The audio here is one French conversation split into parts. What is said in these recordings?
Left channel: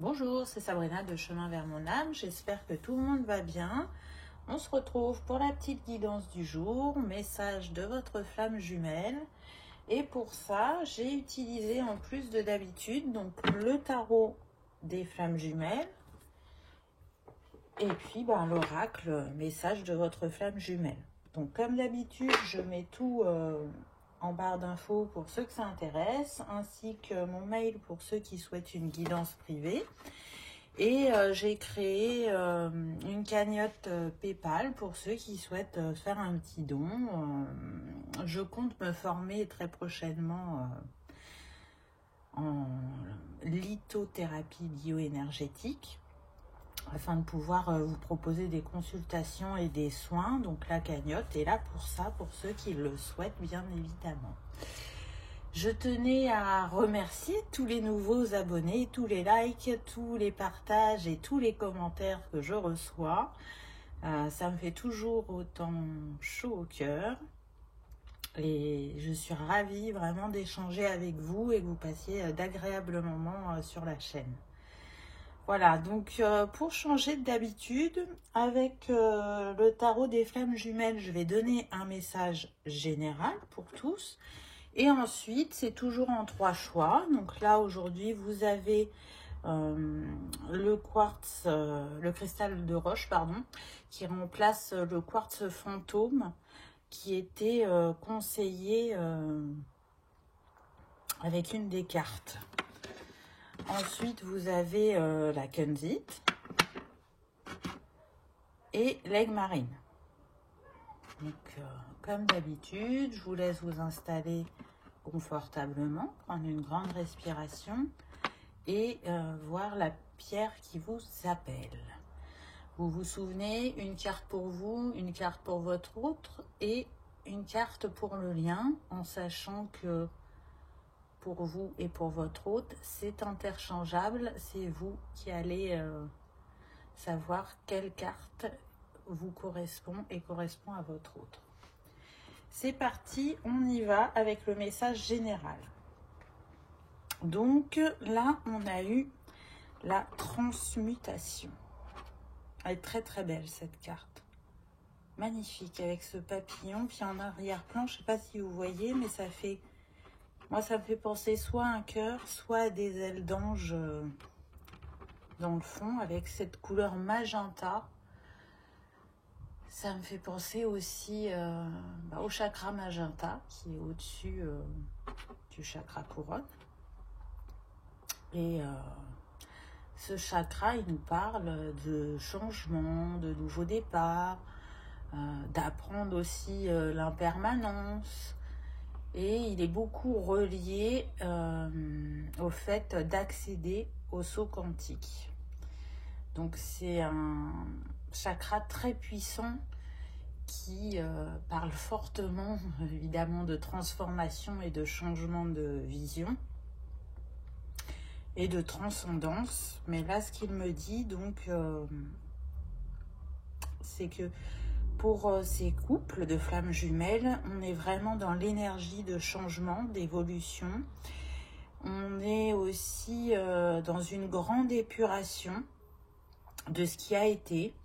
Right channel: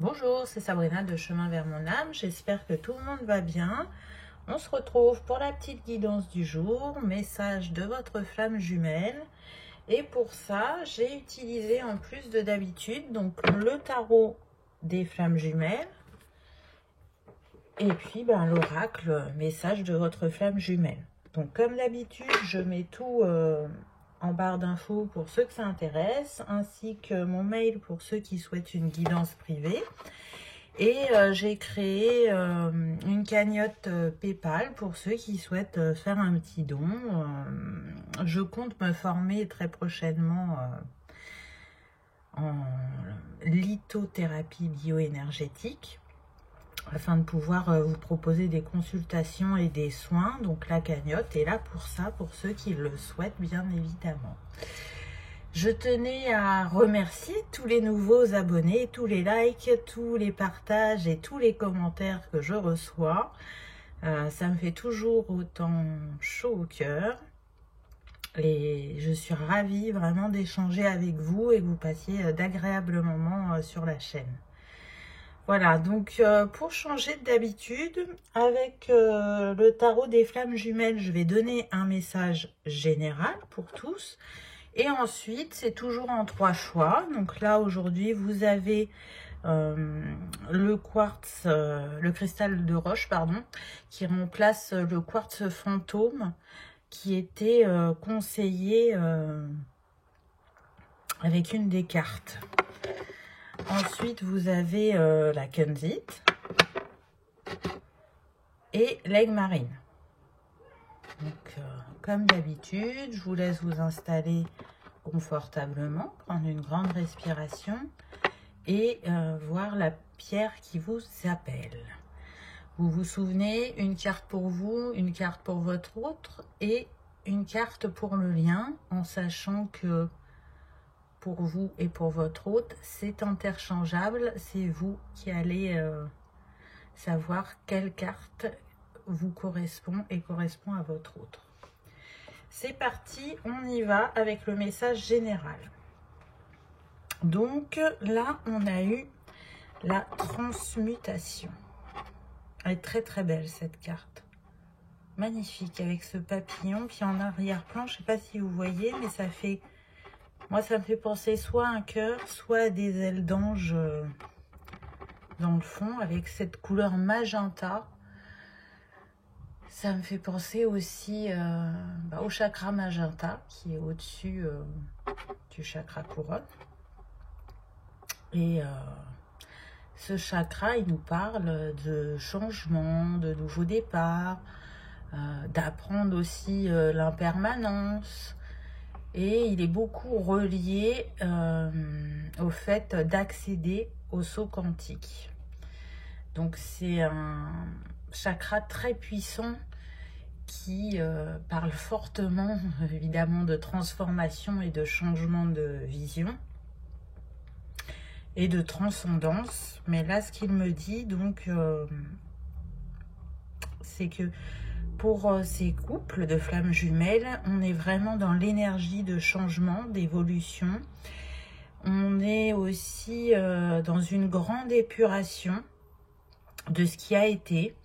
Bonjour, c'est Sabrina de Chemin vers mon âme. J'espère que tout le monde va bien. On se retrouve pour la petite guidance du jour, message de votre flamme jumelle. Et pour ça, j'ai utilisé en plus de d'habitude donc le tarot des flammes jumelles et puis l'oracle, message de votre flamme jumelle. Donc comme d'habitude, je mets tout en barre d'infos pour ceux que ça intéresse, ainsi que mon mail pour ceux qui souhaitent une guidance privée. Et j'ai créé une cagnotte PayPal pour ceux qui souhaitent faire un petit don. Je compte me former très prochainement en lithothérapie bioénergétique afin de pouvoir vous proposer des consultations et des soins. Donc la cagnotte est là pour ça, pour ceux qui le souhaitent bien évidemment. Je tenais à remercier tous les nouveaux abonnés, tous les likes, tous les partages et tous les commentaires que je reçois. Ça me fait toujours autant chaud au cœur. Et je suis ravie vraiment d'échanger avec vous et que vous passiez d'agréables moments sur la chaîne. Voilà, donc pour changer d'habitude, avec le tarot des flammes jumelles, je vais donner un message général pour tous. Et ensuite, c'est toujours en 3 choix. Donc là, aujourd'hui, vous avez le quartz, le cristal de roche, pardon, qui remplace le quartz fantôme qui était conseillé avec une des cartes. Ensuite, vous avez la kunzite et l'aigle marine. Donc, comme d'habitude, je vous laisse vous installer confortablement, prendre une grande respiration et voir la pierre qui vous appelle. Vous vous souvenez, une carte pour vous, une carte pour votre autre et une carte pour le lien, en sachant que pour vous et pour votre hôte, c'est interchangeable. C'est vous qui allez savoir quelle carte vous correspond et correspond à votre autre. C'est parti, on y va avec le message général. Donc là, on a eu la transmutation. Elle est très très belle cette carte. Magnifique avec ce papillon. Puis en arrière-plan, je ne sais pas si vous voyez, mais ça fait... Moi, ça me fait penser soit à un cœur, soit à des ailes d'ange dans le fond, avec cette couleur magenta. Ça me fait penser aussi au chakra magenta, qui est au-dessus du chakra couronne. Et ce chakra, il nous parle de changement, de nouveau départ, d'apprendre aussi l'impermanence. Et il est beaucoup relié au fait d'accéder au saut quantique. Donc c'est un chakra très puissant qui parle fortement évidemment de transformation et de changement de vision et de transcendance. Mais là, ce qu'il me dit, donc, c'est que pour ces couples de flammes jumelles, on est vraiment dans l'énergie de changement, d'évolution. On est aussi dans une grande épuration de ce qui a été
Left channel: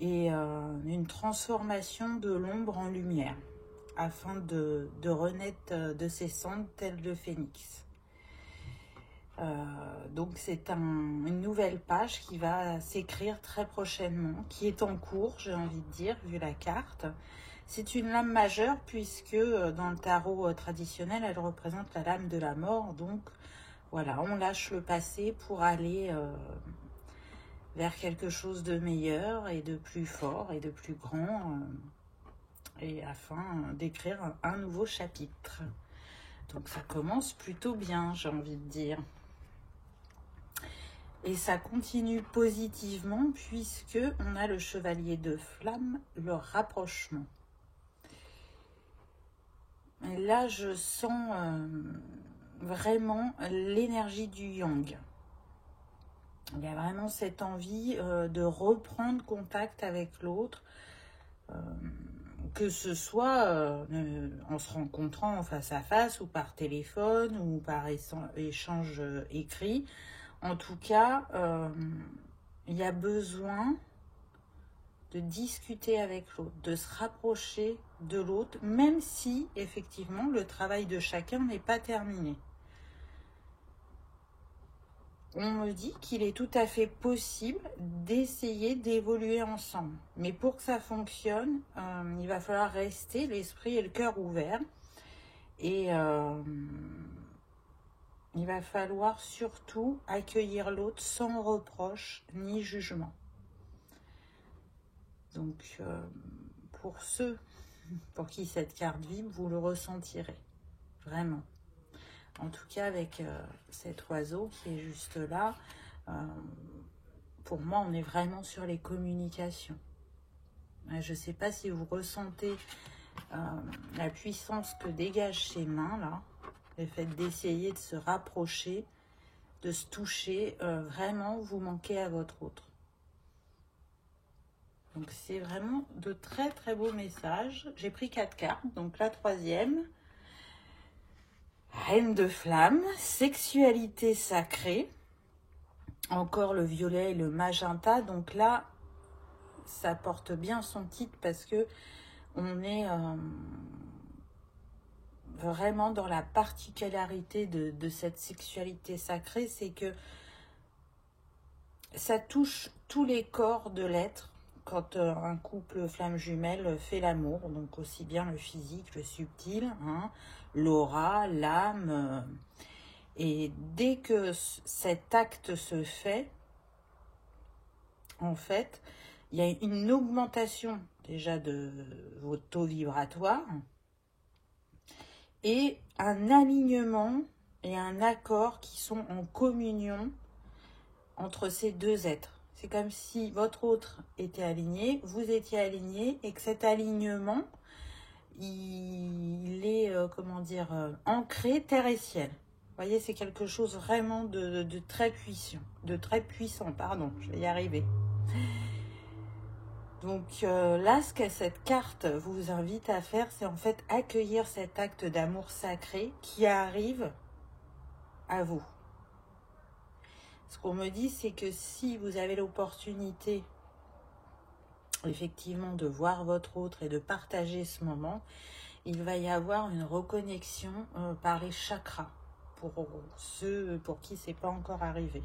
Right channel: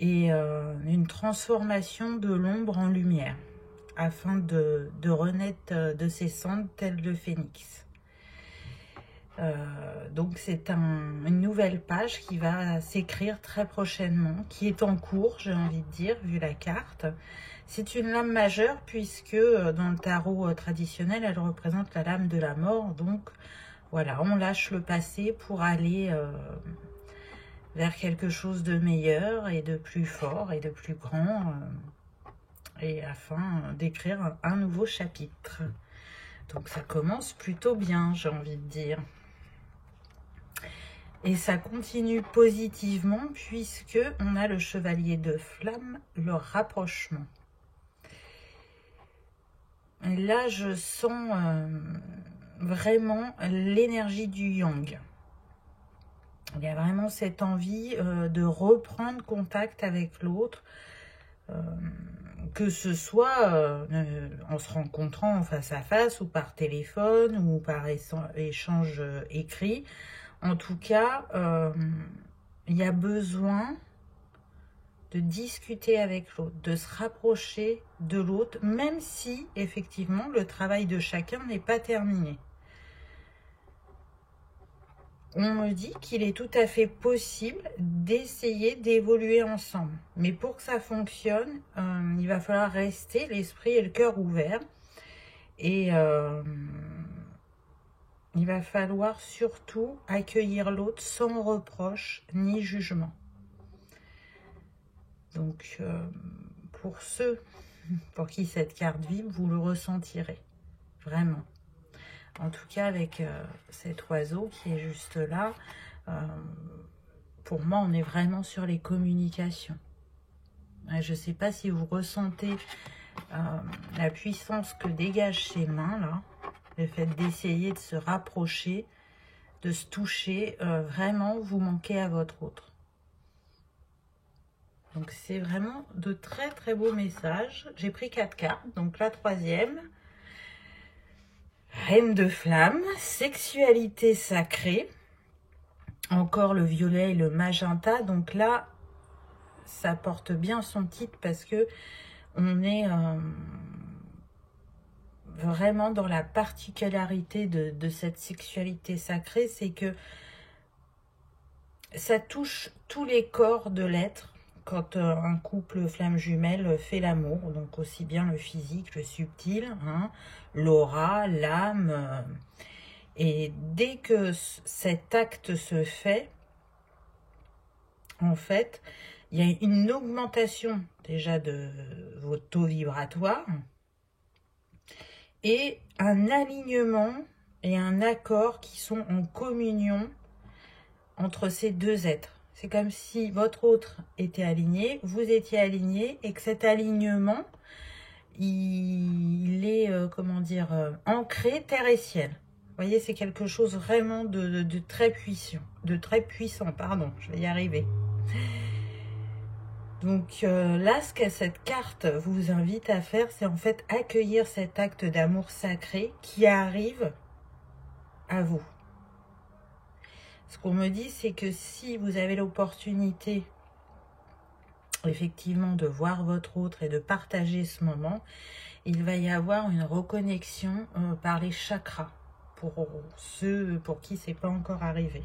et une transformation de l'ombre en lumière afin de renaître de ses cendres tel le phénix. Donc c'est une nouvelle page qui va s'écrire très prochainement, qui est en cours, j'ai envie de dire, vu la carte. C'est une lame majeure puisque dans le tarot traditionnel, elle représente la lame de la mort. Donc voilà, on lâche le passé pour aller vers quelque chose de meilleur et de plus fort et de plus grand, et afin d'écrire un nouveau chapitre. Donc ça commence plutôt bien, j'ai envie de dire. Et ça continue positivement puisque on a le chevalier de flamme, le rapprochement. Et là, je sens vraiment l'énergie du yang. Il y a vraiment cette envie de reprendre contact avec l'autre, que ce soit en se rencontrant en face à face ou par téléphone ou par échange écrit. En tout cas, il y a besoin de discuter avec l'autre, de se rapprocher de l'autre, même si, effectivement, le travail de chacun n'est pas terminé. On me dit qu'il est tout à fait possible d'essayer d'évoluer ensemble. Mais pour que ça fonctionne, il va falloir rester l'esprit et le cœur ouverts. Et il va falloir surtout accueillir l'autre sans reproche ni jugement. Donc, pour ceux pour qui cette carte vibre, vous le ressentirez. Vraiment. En tout cas, avec cet oiseau qui est juste là, pour moi, on est vraiment sur les communications. Je ne sais pas si vous ressentez la puissance que dégagent ces mains, là. Le fait d'essayer de se rapprocher, de se toucher, vraiment, vous manquez à votre autre. Donc, c'est vraiment de très, très beaux messages. J'ai pris 4 cartes, donc la 3e. Reine de flamme, sexualité sacrée, encore le violet et le magenta. Donc là, ça porte bien son titre parce que on est vraiment dans la particularité de cette sexualité sacrée, c'est que ça touche tous les corps de l'être quand un couple flamme jumelle fait l'amour, donc aussi bien le physique, le subtil, hein, l'aura, l'âme, et dès que cet acte se fait, en fait, il y a une augmentation déjà de votre taux vibratoire et un alignement et un accord qui sont en communion entre ces deux êtres. C'est comme si votre autre était aligné, vous étiez aligné et que cet alignement, il est, comment dire, ancré terre et ciel. Vous voyez, c'est quelque chose vraiment de très puissant, pardon, je vais y arriver. Donc là, ce que cette carte vous invite à faire, c'est en fait accueillir cet acte d'amour sacré qui arrive à vous. Ce qu'on me dit, c'est que si vous avez l'opportunité, effectivement, de voir votre autre et de partager ce moment, il va y avoir une reconnexion par les chakras, pour ceux pour qui c'est pas encore arrivé.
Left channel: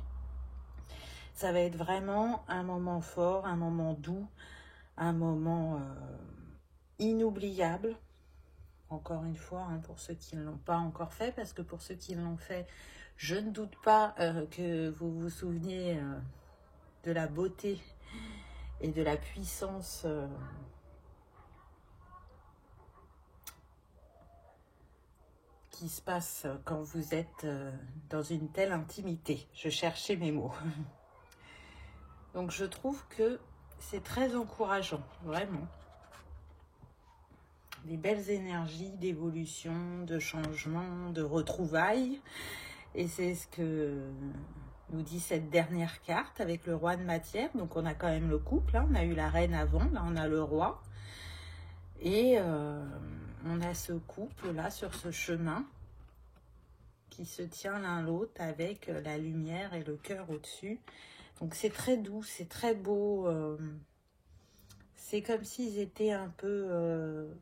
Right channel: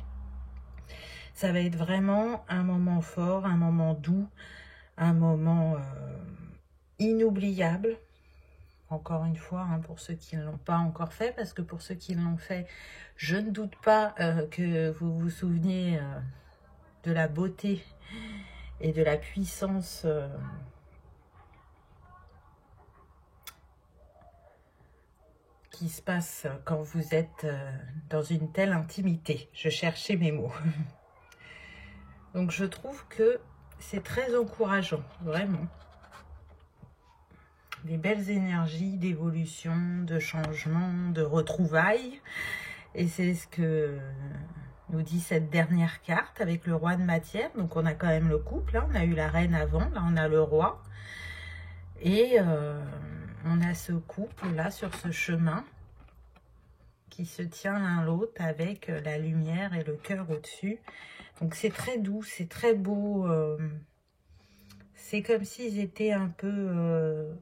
Ça va être vraiment un moment fort, un moment doux, un moment inoubliable. Encore une fois, hein, pour ceux qui ne l'ont pas encore fait, parce que pour ceux qui l'ont fait, je ne doute pas que vous vous souveniez de la beauté et de la puissance qui se passe quand vous êtes dans une telle intimité. Je cherchais mes mots. Donc je trouve que c'est très encourageant, vraiment. Des belles énergies d'évolution, de changement, de retrouvailles. Et c'est ce que nous dit cette dernière carte avec le roi de matière. Donc on a quand même le couple, hein. On a eu la reine avant, là on a le roi. Et on a ce couple là sur ce chemin qui se tient l'un l'autre avec la lumière et le cœur au-dessus. Donc c'est très doux, c'est très beau. C'est comme s'ils étaient un peu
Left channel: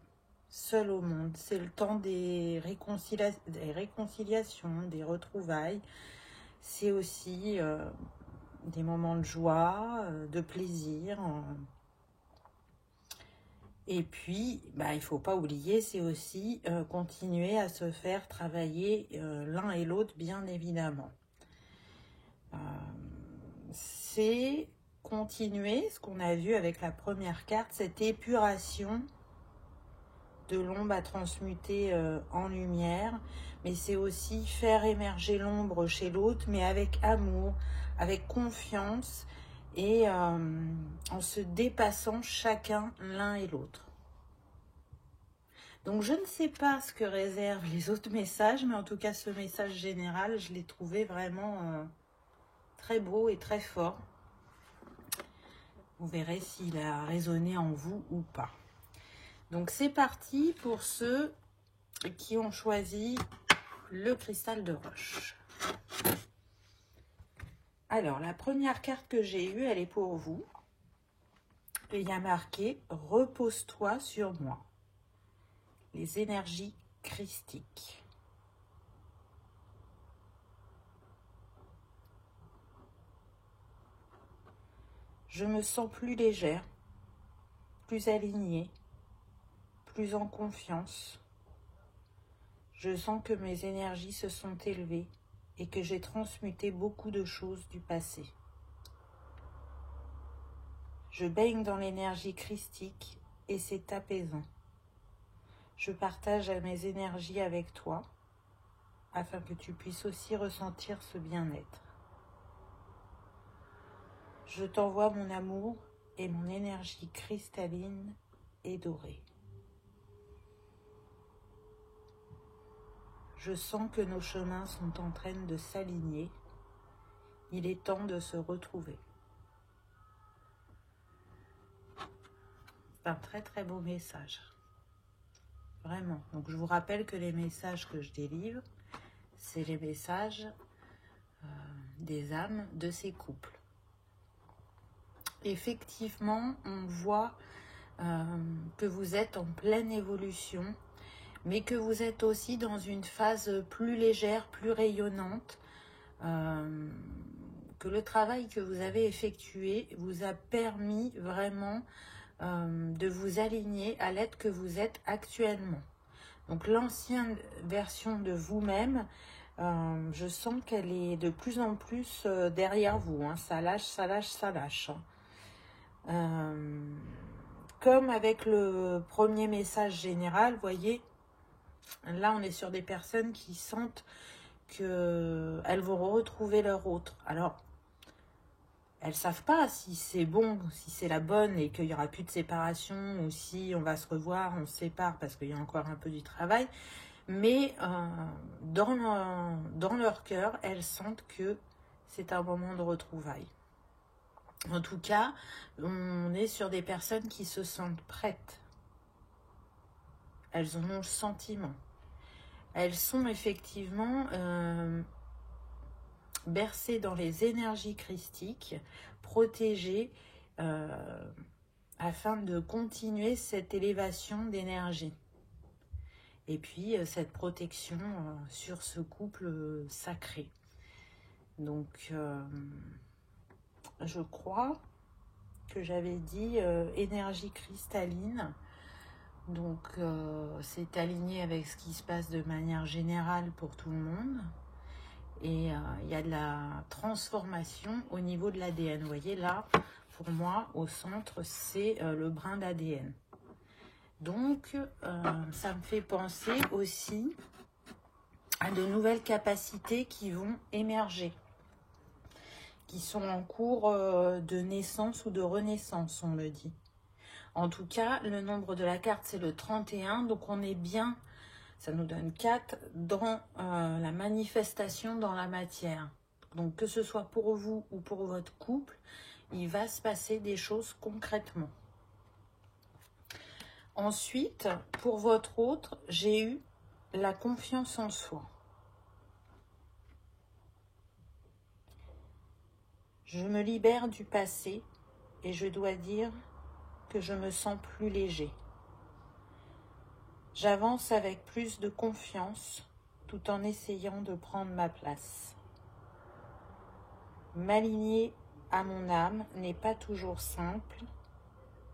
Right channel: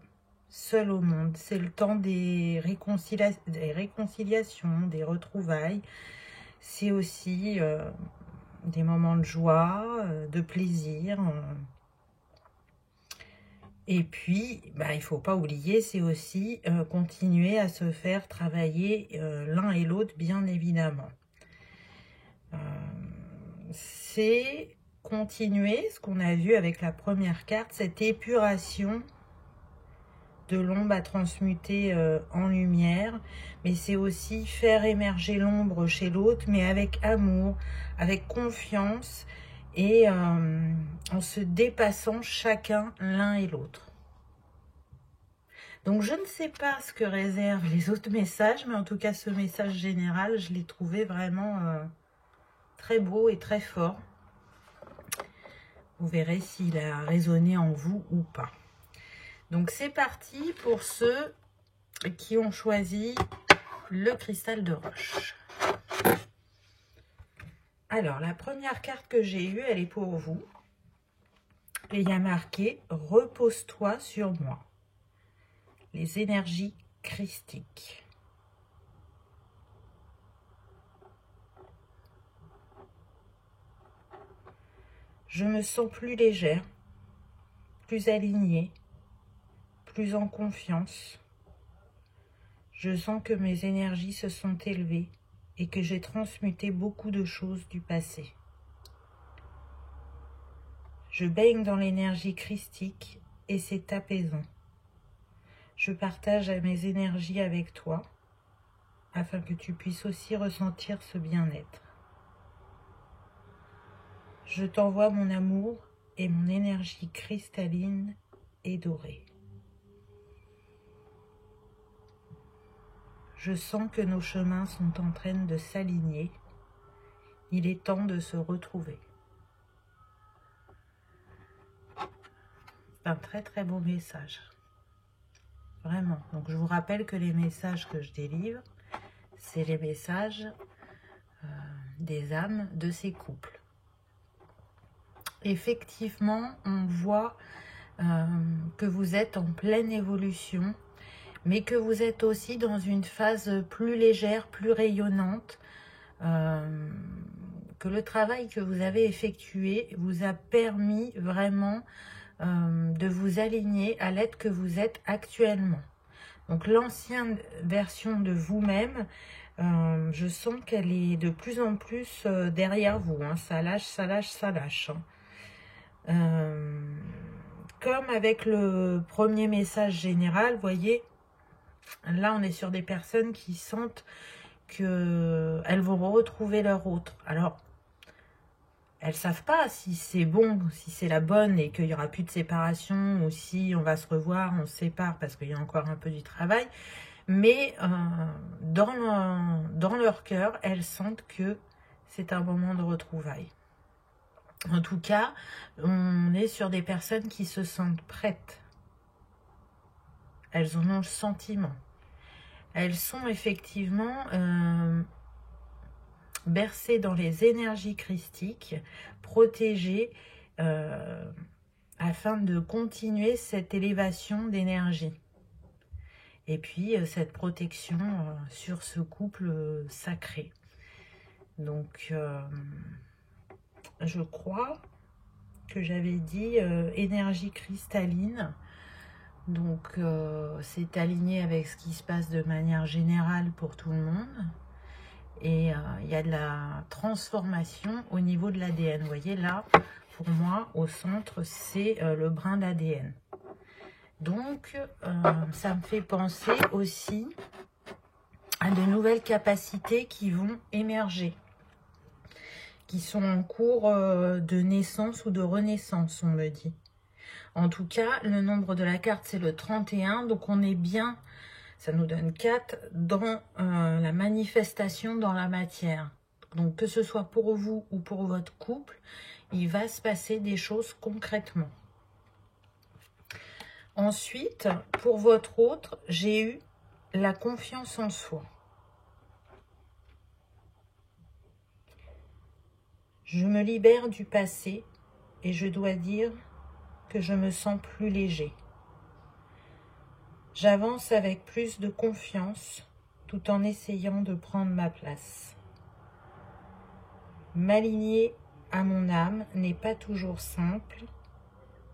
seuls au monde. C'est le temps des réconciliations, des retrouvailles. C'est aussi des moments de joie, de plaisir. Et puis, bah, il ne faut pas oublier, c'est aussi continuer à se faire travailler l'un et l'autre, bien évidemment. C'est continuer ce qu'on a vu avec la première carte, cette épuration de l'ombre à transmuter en lumière. Mais c'est aussi faire émerger l'ombre chez l'autre, mais avec amour, avec confiance, et en se dépassant chacun l'un et l'autre. Donc je ne sais pas ce que réservent les autres messages, mais en tout cas ce message général, je l'ai trouvé vraiment très beau et très fort. Vous verrez s'il a résonné en vous ou pas. Donc c'est parti pour ceux qui ont choisi le cristal de roche. Alors, la première carte que j'ai eue, elle est pour vous. Et il y a marqué « Repose-toi sur moi ». Les énergies christiques. Je me sens plus légère, plus alignée, plus en confiance. Je sens que mes énergies se sont élevées et que j'ai transmuté beaucoup de choses du passé. Je baigne dans l'énergie christique et c'est apaisant. Je partage mes énergies avec toi afin que tu puisses aussi ressentir ce bien-être. Je t'envoie mon amour et mon énergie cristalline et dorée. Je sens que nos chemins sont en train de s'aligner. Il est temps de se retrouver. C'est un très très beau message. Vraiment. Donc je vous rappelle que les messages que je délivre, c'est les messages des âmes de ces couples. Effectivement, on voit que vous êtes en pleine évolution, mais que vous êtes aussi dans une phase plus légère, plus rayonnante, que le travail que vous avez effectué vous a permis vraiment de vous aligner à l'être que vous êtes actuellement. Donc l'ancienne version de vous-même, je sens qu'elle est de plus en plus derrière vous, hein. Ça lâche, ça lâche, ça lâche, hein. Comme avec le premier message général, vous voyez, là on est sur des personnes qui sentent qu'elles vont retrouver leur autre. Alors, elles ne savent pas si c'est bon, si c'est la bonne et qu'il n'y aura plus de séparation ou si on va se revoir, on se sépare parce qu'il y a encore un peu du travail. Mais dans leur cœur, elles sentent que c'est un moment de retrouvailles. En tout cas, on est sur des personnes qui se sentent prêtes. Elles en ont le sentiment. Elles sont effectivement bercées dans les énergies christiques, protégées afin de continuer cette élévation d'énergie. Et puis cette protection sur ce couple sacré. Donc, je crois que j'avais dit énergie cristalline. Donc, c'est aligné avec ce qui se passe de manière générale pour tout le monde. Et il y a de la transformation au niveau de l'ADN. Vous voyez là, pour moi, au centre, c'est le brin d'ADN. Donc, ça me fait penser aussi à de nouvelles capacités qui vont émerger, qui sont en cours de naissance ou de renaissance, on me dit. En tout cas, le nombre de la carte, c'est le 31, donc on est bien, ça nous donne 4, dans la manifestation dans la matière. Donc que ce soit pour vous ou pour votre couple, il va se passer des choses concrètement. Ensuite, pour votre autre, j'ai eu la confiance en soi. Je me libère du passé et je dois dire que je me sens plus léger. J'avance avec plus de confiance tout en essayant de prendre ma place. M'aligner à mon âme n'est pas toujours simple,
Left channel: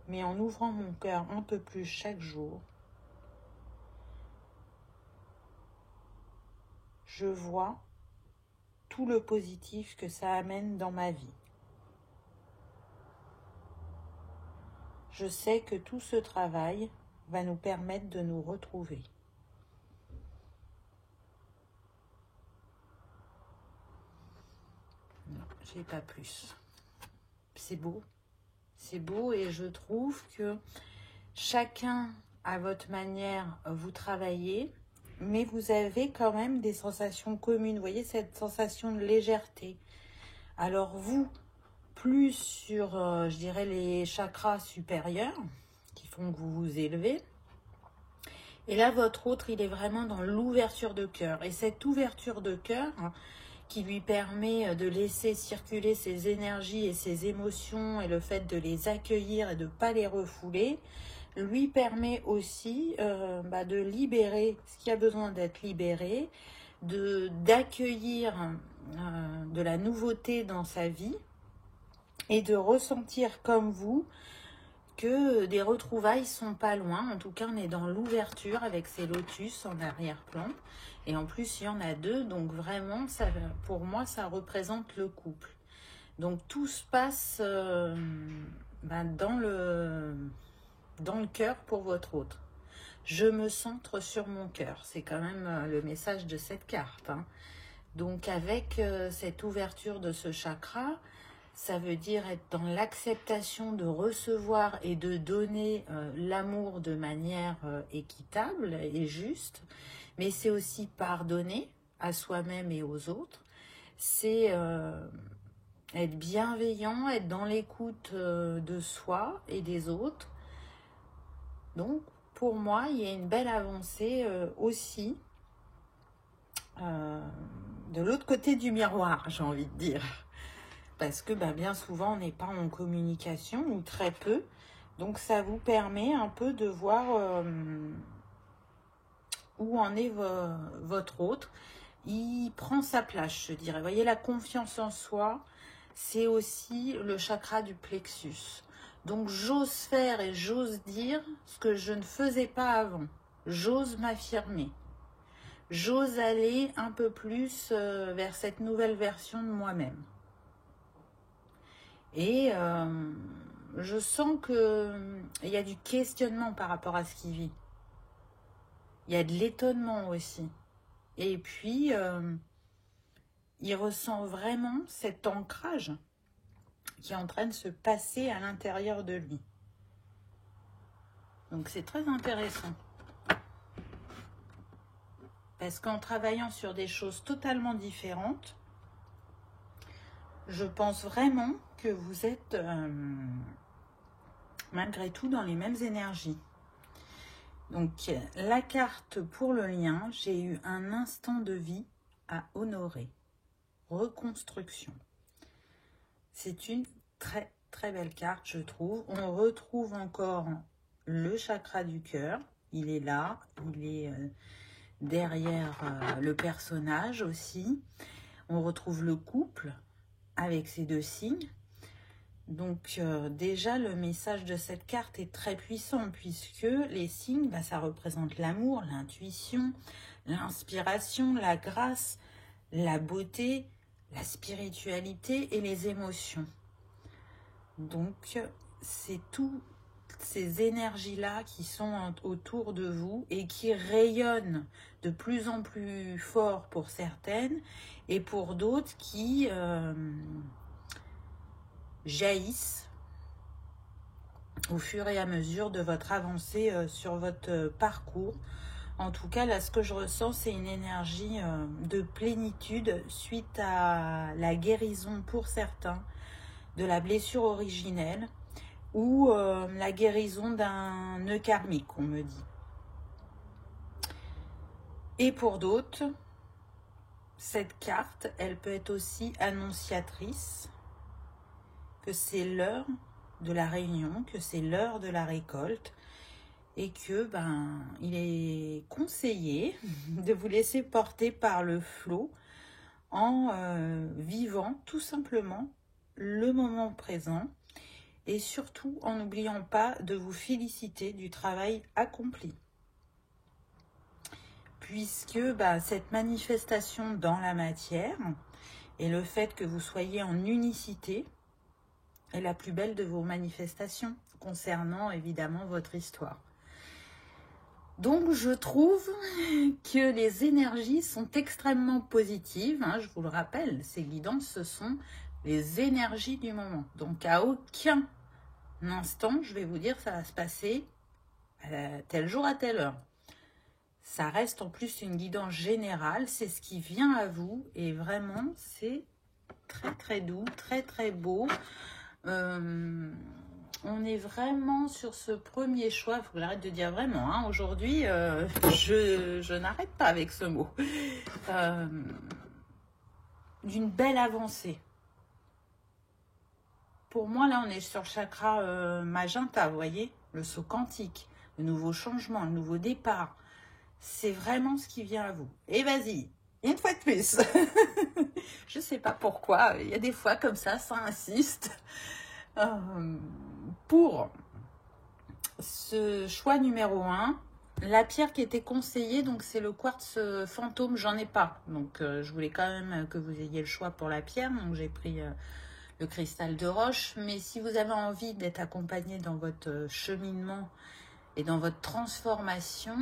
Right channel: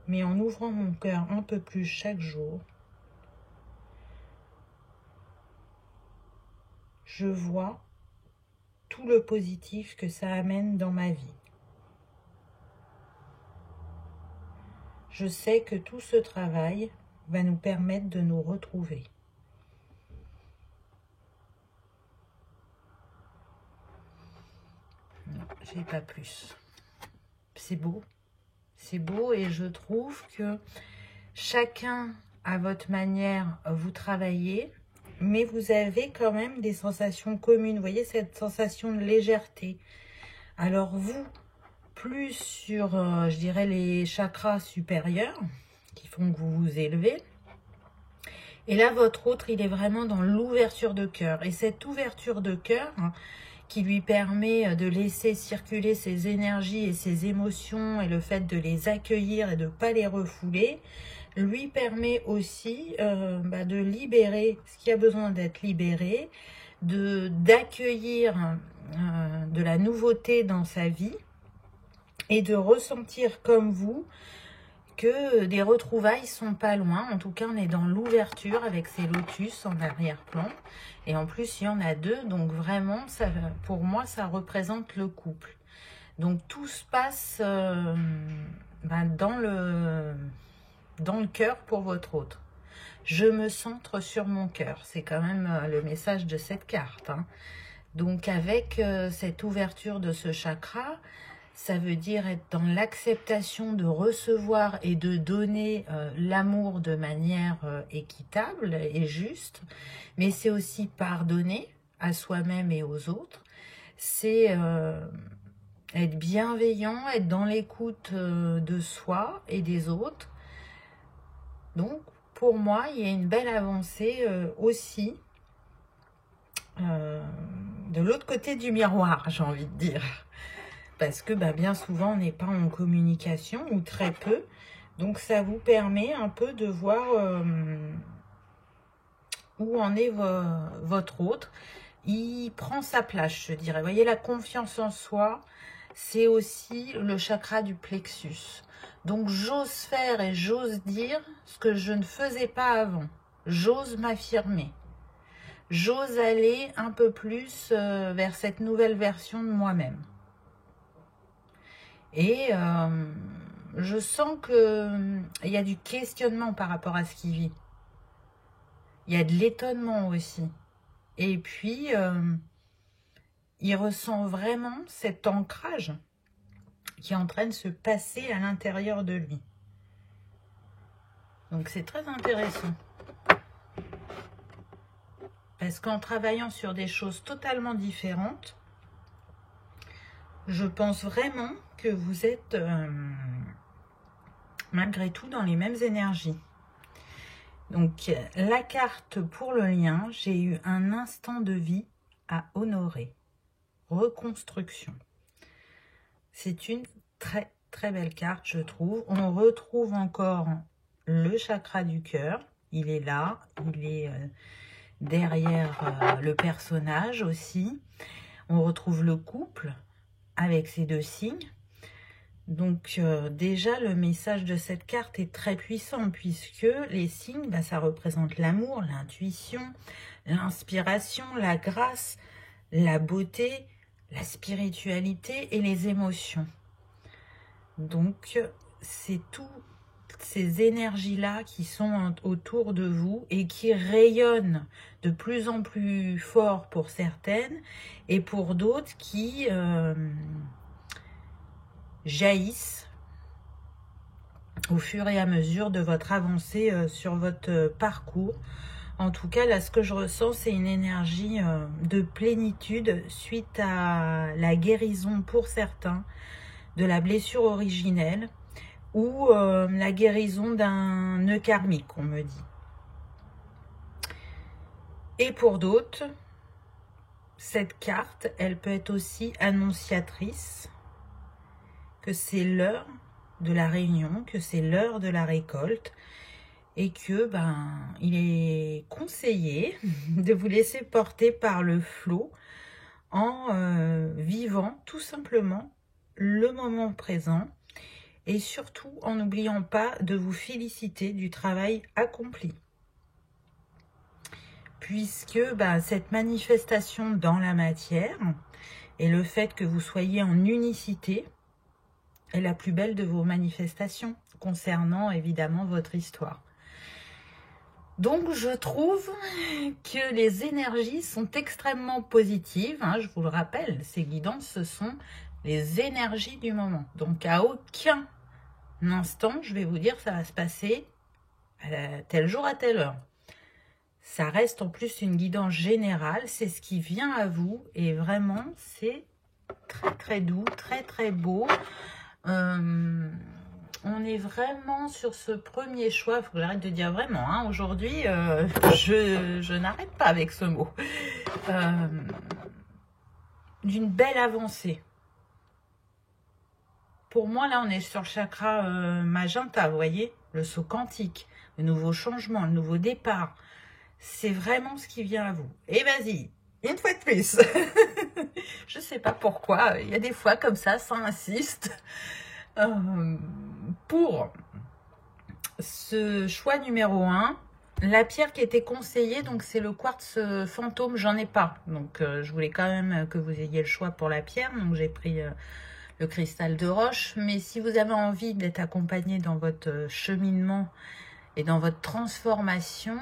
mais en ouvrant mon cœur un peu plus chaque jour, je vois tout le positif que ça amène dans ma vie. Je sais que tout ce travail va nous permettre de nous retrouver. Non, j'ai pas plus. C'est beau. C'est beau et je trouve que chacun à votre manière vous travaillez, mais vous avez quand même des sensations communes. Vous voyez cette sensation de légèreté. Alors vous, plus sur, je dirais, les chakras supérieurs qui font que vous vous élevez. Et là, votre autre, il est vraiment dans l'ouverture de cœur. Et cette ouverture de cœur, hein, qui lui permet de laisser circuler ses énergies et ses émotions, et le fait de les accueillir et de ne pas les refouler, lui permet aussi de libérer ce qui a besoin d'être libéré, d'accueillir de la nouveauté dans sa vie, et de ressentir comme vous que des retrouvailles sont pas loin. En tout cas, on est dans l'ouverture avec ces lotus en arrière-plan. Et en plus, il y en a 2. Donc vraiment, ça, pour moi, ça représente le couple. Donc tout se passe dans le cœur pour votre autre. Je me centre sur mon cœur. C'est quand même le message de cette carte, hein. Donc avec cette ouverture de ce chakra, ça veut dire être dans l'acceptation de recevoir et de donner l'amour de manière équitable et juste. Mais c'est aussi pardonner à soi-même et aux autres. C'est être bienveillant, être dans l'écoute de soi et des autres. Donc, pour moi, il y a une belle avancée aussi de l'autre côté du miroir, j'ai envie de dire. Parce que bien souvent, on n'est pas en communication, ou très peu. Donc, ça vous permet un peu de voir où en est votre autre. Il prend sa place, je dirais. Vous voyez, la confiance en soi, c'est aussi le chakra du plexus. Donc, j'ose faire et j'ose dire ce que je ne faisais pas avant. J'ose m'affirmer. J'ose aller un peu plus vers cette nouvelle version de moi-même. Et je sens qu'il y a du questionnement par rapport à ce qu'il vit. Il y a de l'étonnement aussi. Et puis, il ressent vraiment cet ancrage qui est en train de se passer à l'intérieur de lui. Donc, c'est très intéressant. Parce qu'en travaillant sur des choses totalement différentes, je pense vraiment que vous êtes malgré tout dans les mêmes énergies. Donc, la carte pour le lien, j'ai eu un instant de vie à honorer. Reconstruction. C'est une très très belle carte, je trouve. On retrouve encore le chakra du cœur. Il est là, il est derrière le personnage aussi. On retrouve le couple avec ces 2 signes. Donc déjà, le message de cette carte est très puissant, puisque les signes, ça représente l'amour, l'intuition, l'inspiration, la grâce, la beauté, la spiritualité et les émotions. Donc, c'est toutes ces énergies-là qui sont autour de vous et qui rayonnent de plus en plus fort pour certaines, et pour d'autres qui jaillissent au fur et à mesure de votre avancée sur votre parcours. En tout cas, là, ce que je ressens, c'est une énergie de plénitude suite à la guérison pour certains de la blessure originelle, ou la guérison d'un nœud karmique, on me dit. Et pour d'autres, cette carte, elle peut être aussi annonciatrice que c'est l'heure de la réunion, que c'est l'heure de la récolte, et que il est conseillé de vous laisser porter par le flot en vivant tout simplement le moment présent, et surtout en n'oubliant pas de vous féliciter du travail accompli. Puisque cette manifestation dans la matière et le fait que vous soyez en unicité est la plus belle de vos manifestations concernant évidemment votre histoire. Donc je trouve que les énergies sont extrêmement positives, hein, je vous le rappelle, ces guidances, ce sont les énergies du moment. Donc à aucun instant, je vais vous dire ça va se passer à tel jour à telle heure. Ça reste en plus une guidance générale, c'est ce qui vient à vous, et vraiment c'est très très doux, très très beau. On est vraiment sur ce premier choix, il faut que j'arrête de dire vraiment, hein. Aujourd'hui je n'arrête pas avec ce mot. d'une belle avancée. Pour moi, là, on est sur le chakra magenta, vous voyez, le saut quantique, le nouveau changement, le nouveau départ. C'est vraiment ce qui vient à vous. Et vas-y, une fois de plus. Je ne sais pas pourquoi, il y a des fois comme ça insiste. Pour ce choix numéro 1, la pierre qui était conseillée, donc c'est le quartz fantôme, j'en ai pas. Donc je voulais quand même que vous ayez le choix pour la pierre, donc j'ai pris le cristal de roche. Mais si vous avez envie d'être accompagné dans votre cheminement et dans votre transformation,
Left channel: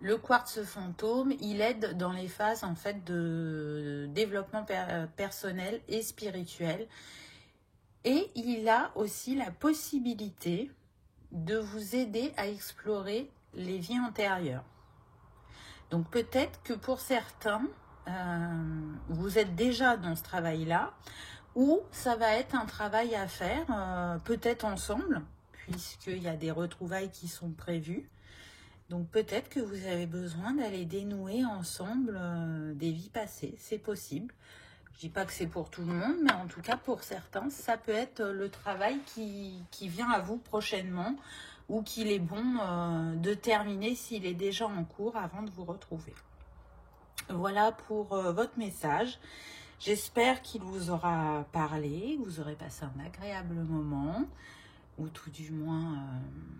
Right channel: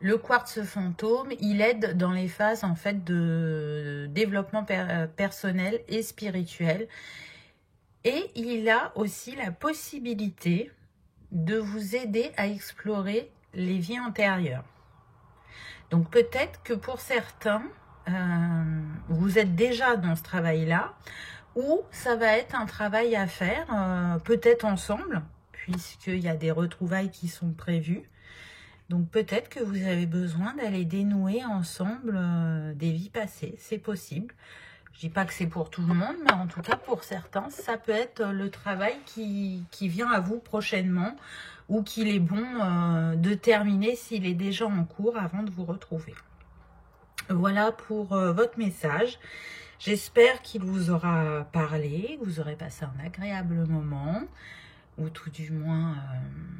le quartz fantôme, il aide dans les phases en fait de développement personnel et spirituel. Et il a aussi la possibilité de vous aider à explorer les vies antérieures. Donc peut-être que pour certains, vous êtes déjà dans ce travail-là, ou ça va être un travail à faire, peut-être ensemble, puisqu'il y a des retrouvailles qui sont prévues. Donc peut-être que vous avez besoin d'aller dénouer ensemble des vies passées, c'est possible. Je dis pas que c'est pour tout le monde, mais en tout cas pour certains, ça peut être le travail qui vient à vous prochainement, ou qu'il est bon de terminer s'il est déjà en cours avant de vous retrouver. Voilà pour votre message. J'espère qu'il vous aura parlé, que vous aurez passé un agréable moment, ou tout du moins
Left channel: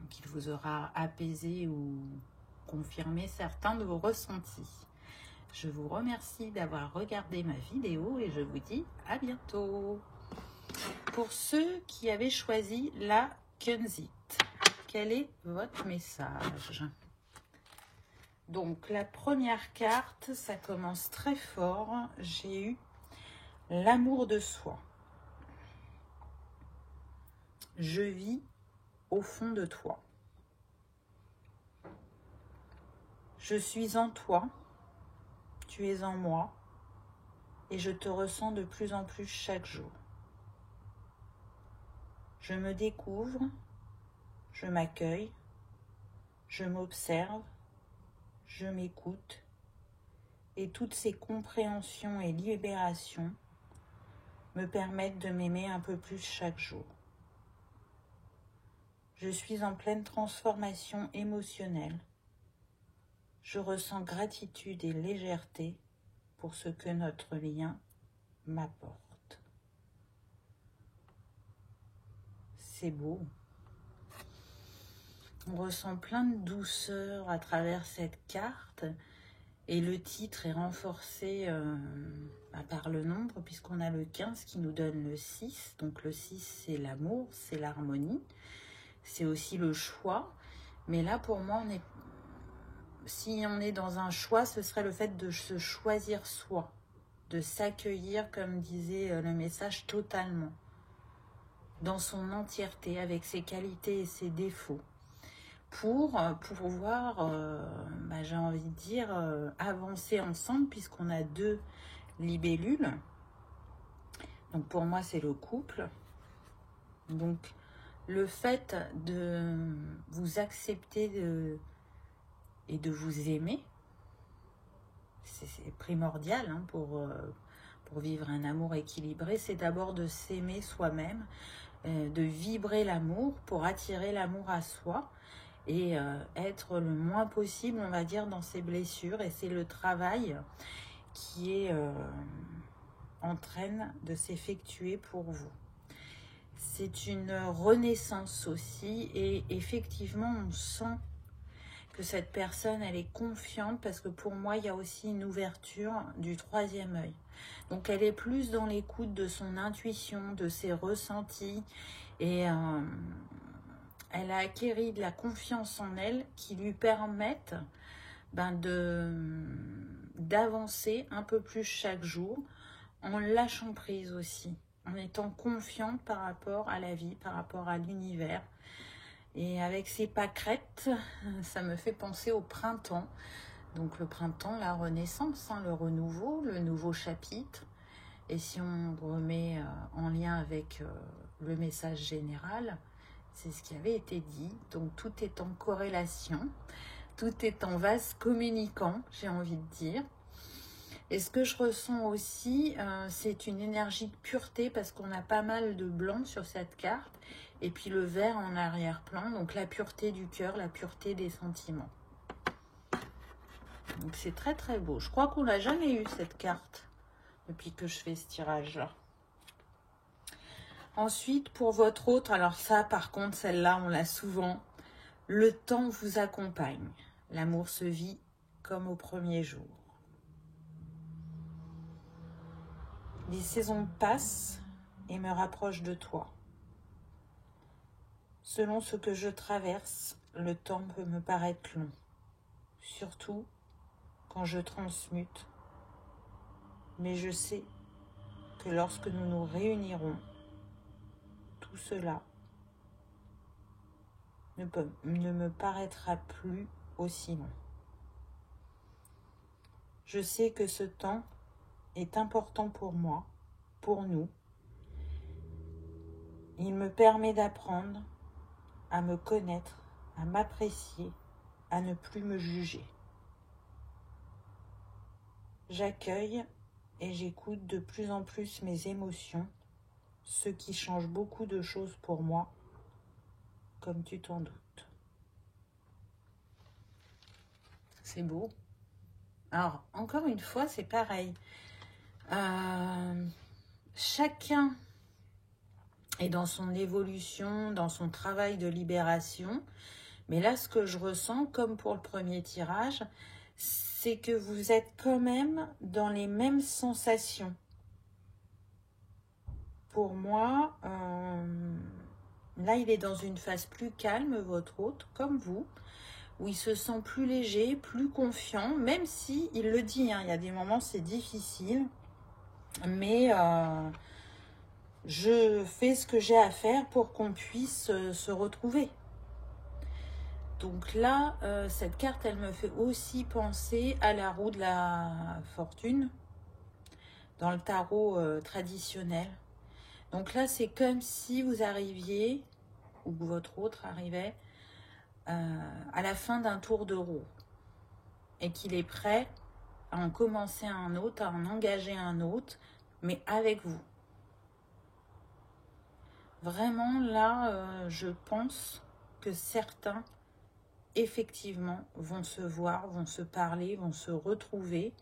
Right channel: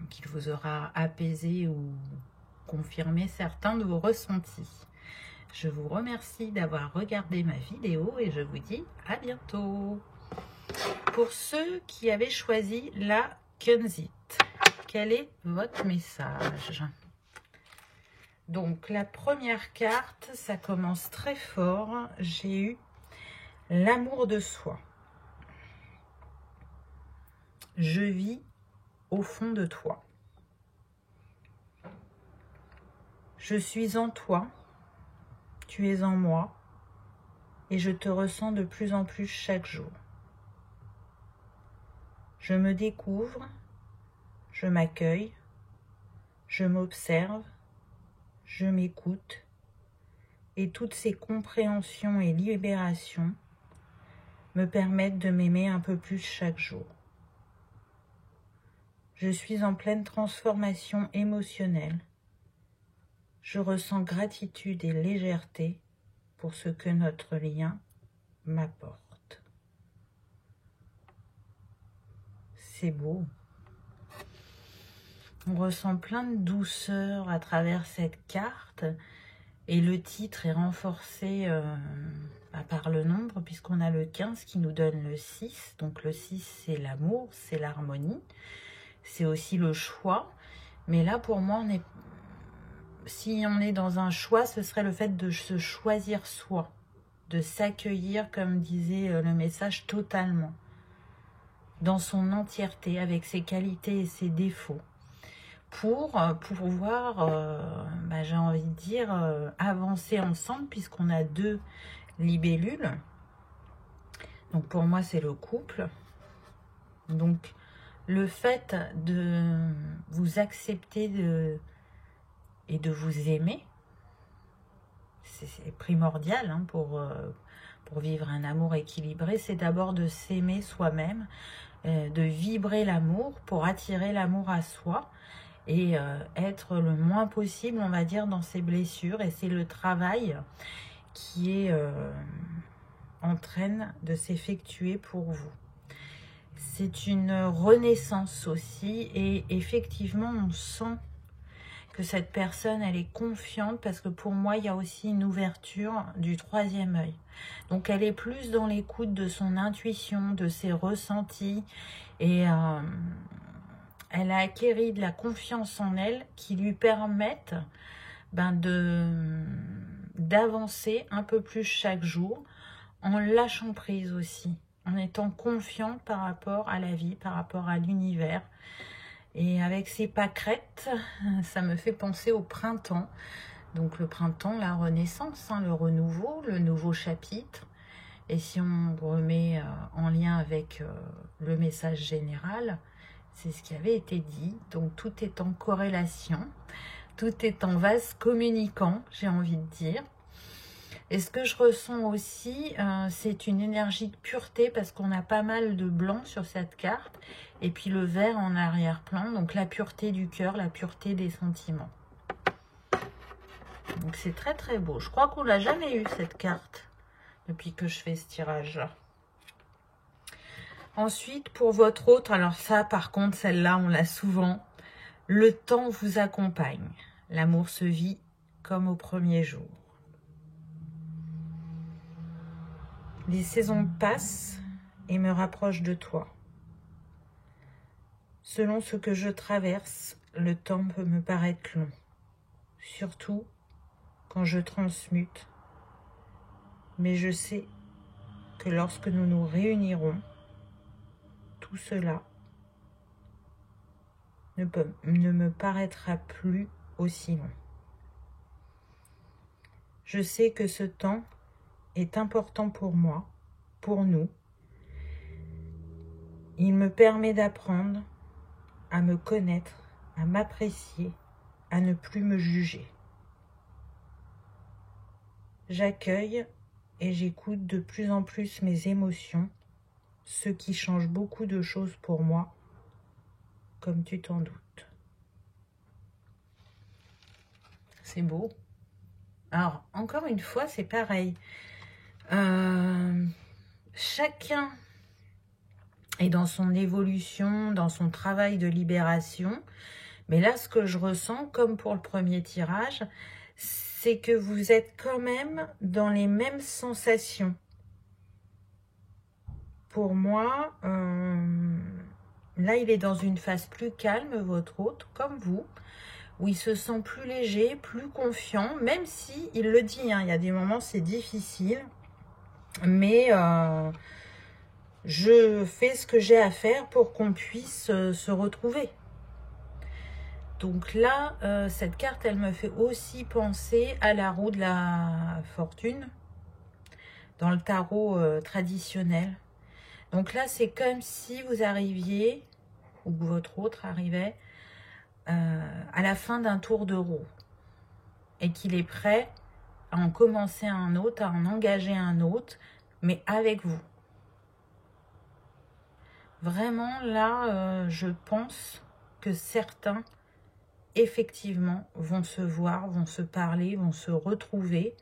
qu'il vous aura apaisé ou confirmé certains de vos ressentis. Je vous remercie d'avoir regardé ma vidéo et je vous dis à bientôt. Pour ceux qui avaient choisi la Kunzite, quel est votre message? Donc la première carte, ça commence très fort. J'ai eu l'amour de soi. Je vis au fond de toi. Je suis en toi. Tu es en moi et je te ressens de plus en plus chaque jour. Je me découvre, je m'accueille, je m'observe, je m'écoute et toutes ces compréhensions et libérations me permettent de m'aimer un peu plus chaque jour. Je suis en pleine transformation émotionnelle. Je ressens gratitude et légèreté pour ce que notre lien m'apporte. C'est beau. On ressent plein de douceur à travers cette carte et le titre est renforcé par le nombre puisqu'on a le 15 qui nous donne le 6. Donc le 6 c'est l'amour, c'est l'harmonie, c'est aussi le choix. Mais là pour moi si on est dans un choix, ce serait le fait de se choisir soi, de s'accueillir, comme disait le message, totalement, dans son entièreté, avec ses qualités et ses défauts, pour pouvoir, j'ai envie de dire, avancer ensemble, puisqu'on a 2 libellules. Donc pour moi, c'est le couple. Donc le fait de vous accepter et de vous aimer, c'est primordial hein, pour vivre un amour équilibré, c'est d'abord de s'aimer soi-même, de vibrer l'amour pour attirer l'amour à soi et être le moins possible, on va dire, dans ses blessures. Et c'est le travail qui est en train de s'effectuer pour vous. C'est une renaissance aussi et effectivement on sent que cette personne, elle est confiante parce que pour moi, il y a aussi une ouverture du 3e œil. Donc, elle est plus dans l'écoute de son intuition, de ses ressentis et elle a acquis de la confiance en elle qui lui permettent d'avancer un peu plus chaque jour en lâchant prise aussi, en étant confiante par rapport à la vie, par rapport à l'univers. Et avec ces pâquerettes, ça me fait penser au printemps. Donc le printemps, la renaissance, hein, le renouveau, le nouveau chapitre. Et si on remet en lien avec le message général, c'est ce qui avait été dit. Donc tout est en corrélation, tout est en vase communicant, j'ai envie de dire. Et ce que je ressens aussi, c'est une énergie de pureté parce qu'on a pas mal de blanc sur cette carte. Et puis le vert en arrière-plan. Donc la pureté du cœur, la pureté des sentiments. Donc c'est très très beau. Je crois qu'on l'a jamais eu cette carte depuis que je fais ce tirage-là. Ensuite, pour votre autre, alors ça par contre, celle-là, on l'a souvent. Le temps vous accompagne. L'amour se vit comme au premier jour. Les saisons passent et me rapprochent de toi. Selon ce que je traverse, le temps peut me paraître long. Surtout quand je transmute. Mais je sais que lorsque nous nous réunirons, tout cela ne me paraîtra plus aussi long. Je sais que ce temps est important pour moi, pour nous. Il me permet d'apprendre à me connaître, à m'apprécier, à ne plus me juger. J'accueille et j'écoute de plus en plus mes émotions, ce qui change beaucoup de choses pour moi, comme tu t'en doutes. C'est beau. Alors, encore une fois, c'est pareil. Chacun est dans son évolution, dans son travail de libération. Mais là, ce que je ressens, comme pour le premier tirage, c'est que vous êtes quand même dans les mêmes sensations. Pour moi, là, il est dans une phase plus calme, votre hôte, comme vous, où il se sent plus léger, plus confiant, même si il le dit, hein, il y a des moments c'est difficile, mais je fais ce que j'ai à faire pour qu'on puisse se retrouver. Donc là, cette carte, elle me fait aussi penser à la roue de la fortune dans le tarot traditionnel. Donc là, c'est comme si vous arriviez, ou que votre autre arrivait, à la fin d'un tour de roue et qu'il est prêt à en commencer un autre, à en engager un autre, mais avec vous. Vraiment, là, je pense que certains, effectivement, vont se voir, vont se parler, vont se retrouver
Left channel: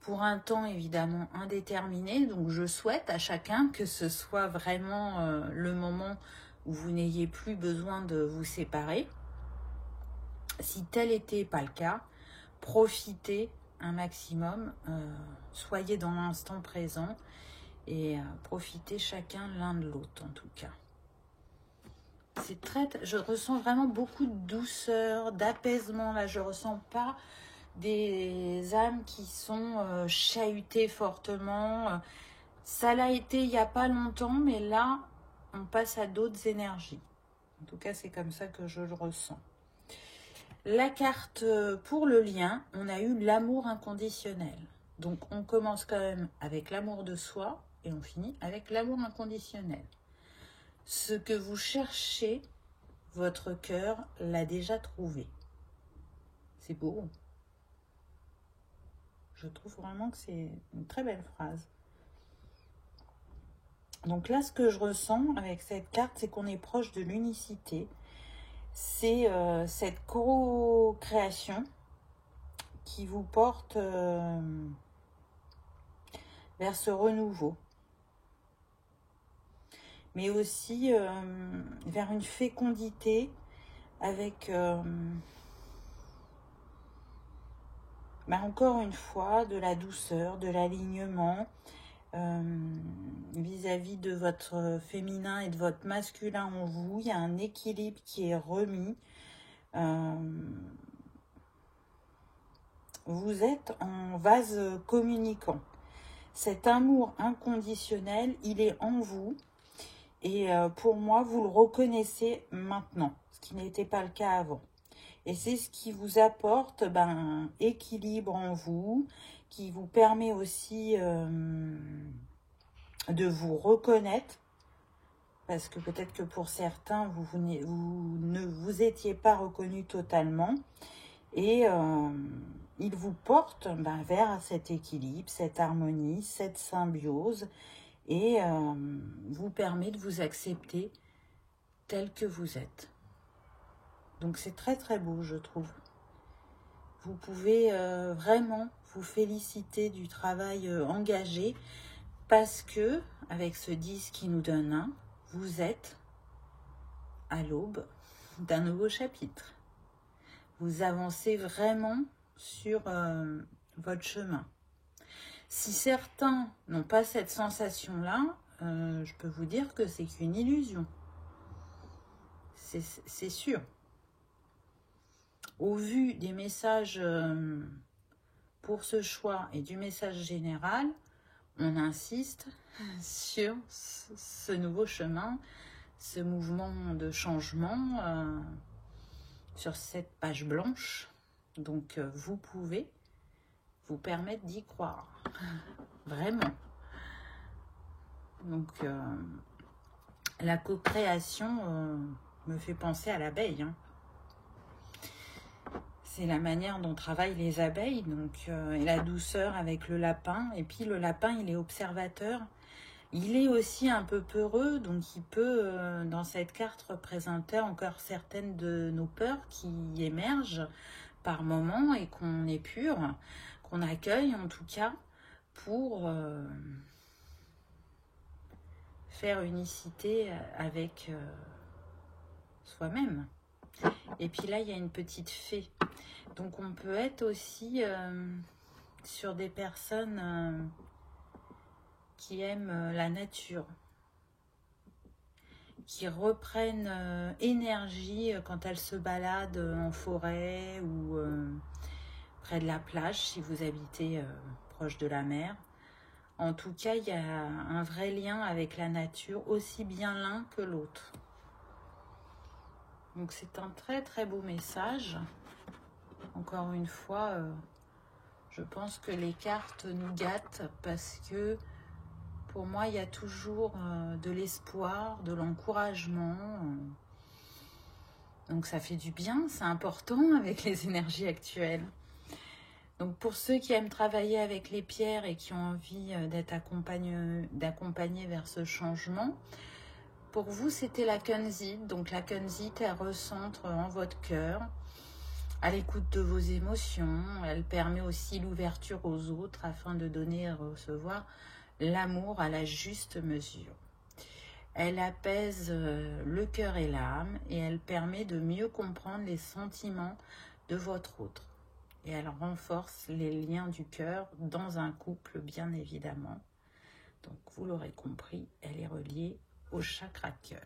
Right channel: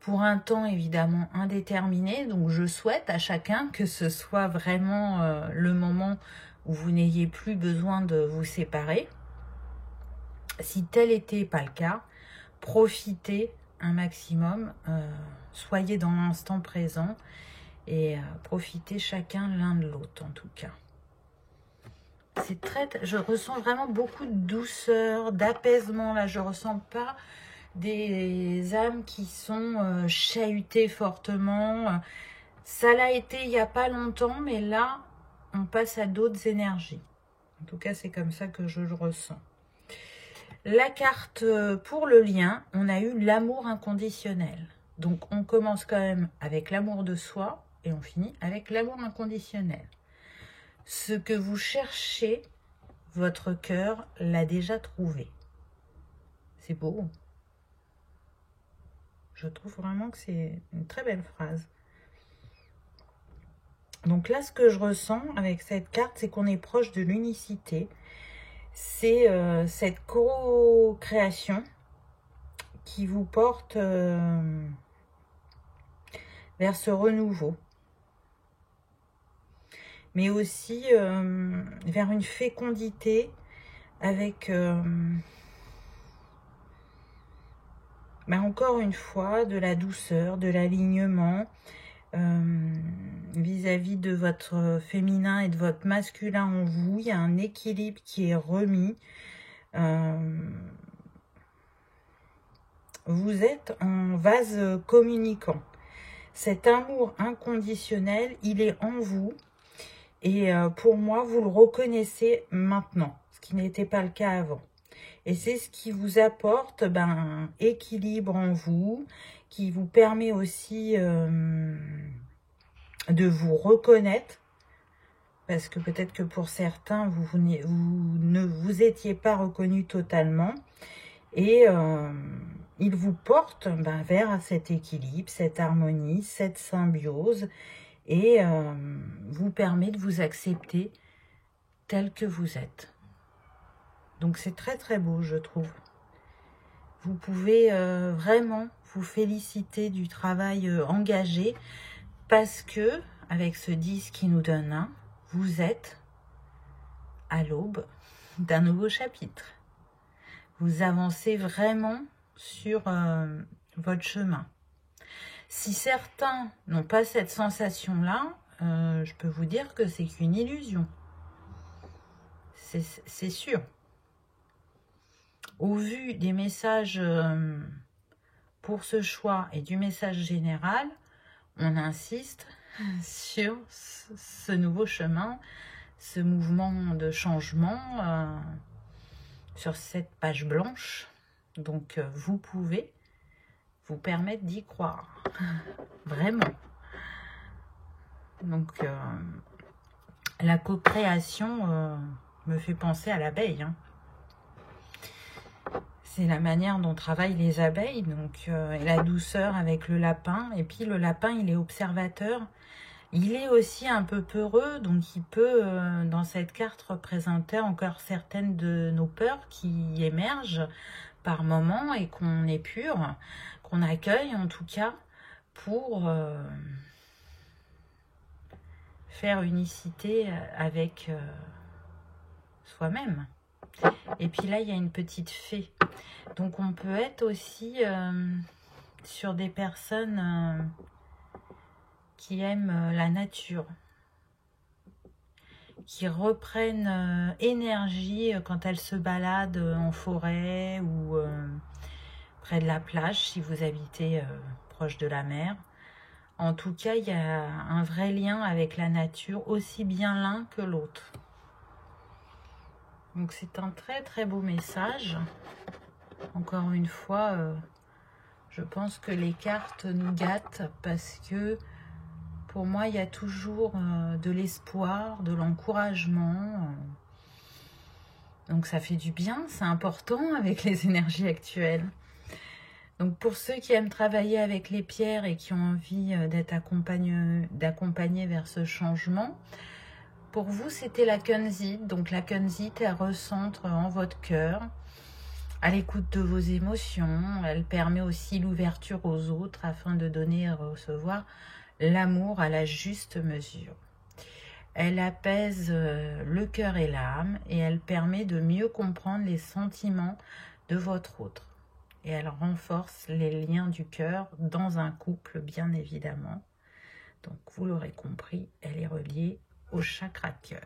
pour un temps évidemment indéterminé. Donc, je souhaite à chacun que ce soit vraiment le moment où vous n'ayez plus besoin de vous séparer. Si tel n'était pas le cas, profitez un maximum, soyez dans l'instant présent et profitez chacun l'un de l'autre en tout cas. C'est je ressens vraiment beaucoup de douceur, d'apaisement. Là, je ressens pas des âmes qui sont chahutées fortement. Ça l'a été il n'y a pas longtemps, mais là, on passe à d'autres énergies. En tout cas, c'est comme ça que je le ressens. La carte pour le lien, on a eu l'amour inconditionnel. Donc, on commence quand même avec l'amour de soi et on finit avec l'amour inconditionnel. Ce que vous cherchez, votre cœur l'a déjà trouvé. C'est beau. Je trouve vraiment que c'est une très belle phrase. Donc là, ce que je ressens avec cette carte, c'est qu'on est proche de l'unicité. C'est cette co-création qui vous porte vers ce renouveau. Mais aussi vers une fécondité avec, encore une fois, de la douceur, de l'alignement vis-à-vis de votre féminin et de votre masculin en vous. Il y a un équilibre qui est remis. Vous êtes en vase communicant. Cet amour inconditionnel, il est en vous. Et pour moi, vous le reconnaissez maintenant, ce qui n'était pas le cas avant. Et c'est ce qui vous apporte un équilibre en vous, qui vous permet aussi de vous reconnaître. Parce que peut-être que pour certains, vous ne vous étiez pas reconnu totalement. Et il vous porte vers cet équilibre, cette harmonie, cette symbiose, et vous permet de vous accepter tel que vous êtes. Donc c'est très très beau, je trouve. Vous pouvez vraiment vous féliciter du travail engagé, parce que avec ce 10 qui nous donne 1, vous êtes à l'aube d'un nouveau chapitre. Vous avancez vraiment sur votre chemin. Si certains n'ont pas cette sensation-là, je peux vous dire que c'est qu'une illusion. C'est sûr. Au vu des messages pour ce choix et du message général, on insiste sur ce nouveau chemin, ce mouvement de changement sur cette page blanche. Donc, vous pouvez vous permettre d'y croire. Vraiment. Donc, la co-création me fait penser à l'abeille. Hein. C'est la manière dont travaillent les abeilles, donc et la douceur avec le lapin. Et puis le lapin, il est observateur. Il est aussi un peu peureux, donc il peut, dans cette carte, représenter encore certaines de nos peurs qui émergent par moments et qu'on épure, qu'on accueille en tout cas, pour faire unicité avec soi-même. Et puis là, il y a une petite fée. Donc on peut être aussi sur des personnes qui aiment la nature, qui reprennent énergie quand elles se baladent en forêt ou près de la plage, si vous habitez proche de la mer. En tout cas, il y a un vrai lien avec la nature, aussi bien l'un que l'autre. Donc c'est un très très beau message. Encore une fois, je pense que les cartes nous gâtent parce que pour moi, il y a toujours de l'espoir, de l'encouragement. Donc ça fait du bien, c'est important avec les énergies actuelles. Donc pour ceux qui aiment travailler avec les pierres et qui ont envie d'être d'accompagner vers ce changement, pour vous, c'était la kunzite. Donc la kunzite, elle recentre en votre cœur, à l'écoute de vos émotions. Elle permet aussi l'ouverture aux autres afin de donner et recevoir l'amour à la juste mesure. Elle apaise le cœur et l'âme et elle permet de mieux comprendre les sentiments de votre autre. Et elle renforce les liens du cœur dans un couple, bien évidemment. Donc, vous l'aurez compris, elle est reliée au chakra cœur.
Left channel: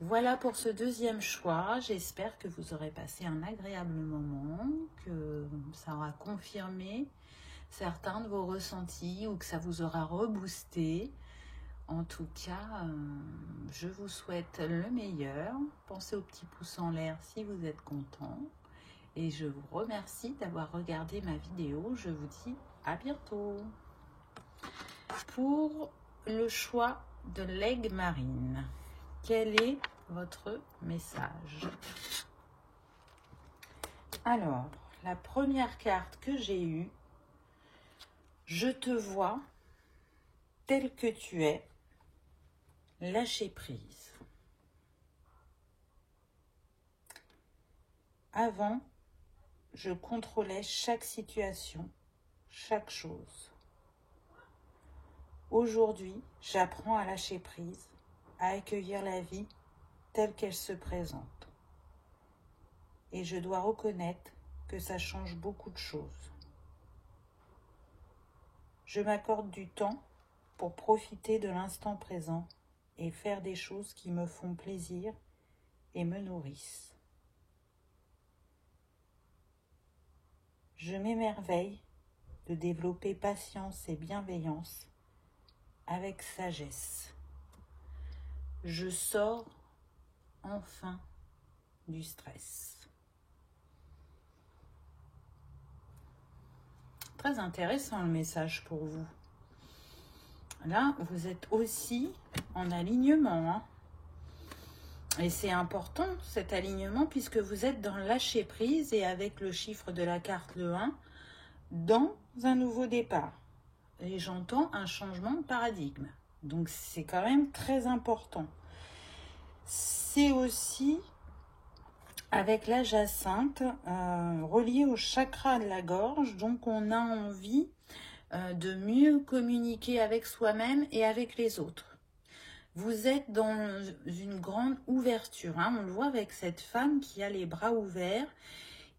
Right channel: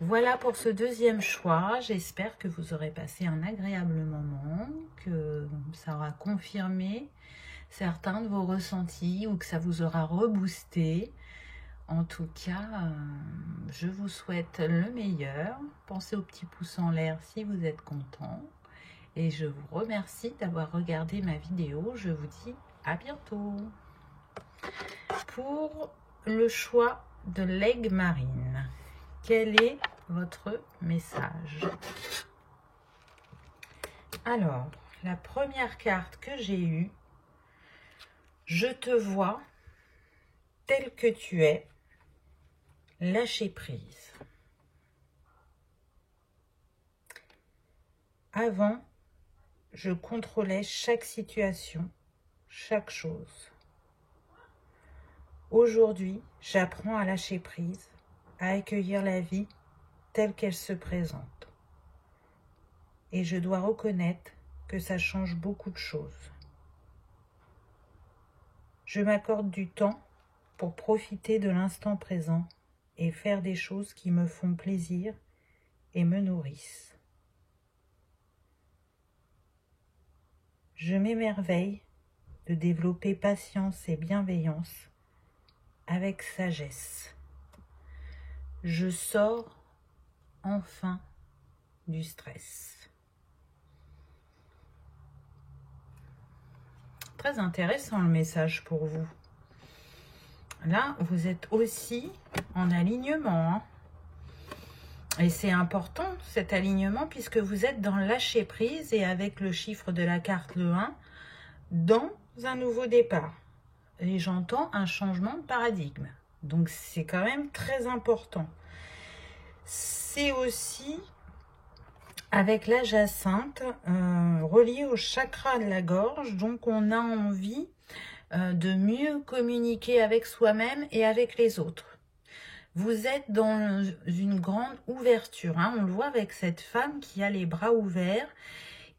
Voilà pour ce deuxième choix. J'espère que vous aurez passé un agréable moment, que ça aura confirmé certains de vos ressentis ou que ça vous aura reboosté. En tout cas, je vous souhaite le meilleur. Pensez au petit pouce en l'air si vous êtes content. Et je vous remercie d'avoir regardé ma vidéo. Je vous dis à bientôt. Pour le choix de l'aigle marine, quel est votre message? Alors, la première carte que j'ai eue, je te vois tel que tu es, lâcher prise. Avant, je contrôlais chaque situation, chaque chose. Aujourd'hui, j'apprends à lâcher prise, à accueillir la vie telle qu'elle se présente. Et je dois reconnaître que ça change beaucoup de choses. Je m'accorde du temps pour profiter de l'instant présent et faire des choses qui me font plaisir et me nourrissent. Je m'émerveille de développer patience et bienveillance avec sagesse. Je sors enfin du stress. Très intéressant le message pour vous. Là, vous êtes aussi en alignement. Et c'est important cet alignement puisque vous êtes dans le lâcher prise et avec le chiffre de la carte, le 1, dans un nouveau départ. Et j'entends un changement de paradigme. Donc c'est quand même très important. C'est aussi avec la jacinthe relié au chakra de la gorge. Donc on a envie de mieux communiquer avec soi-même et avec les autres. Vous êtes dans une grande ouverture. Hein. On le voit avec cette femme qui a les bras ouverts,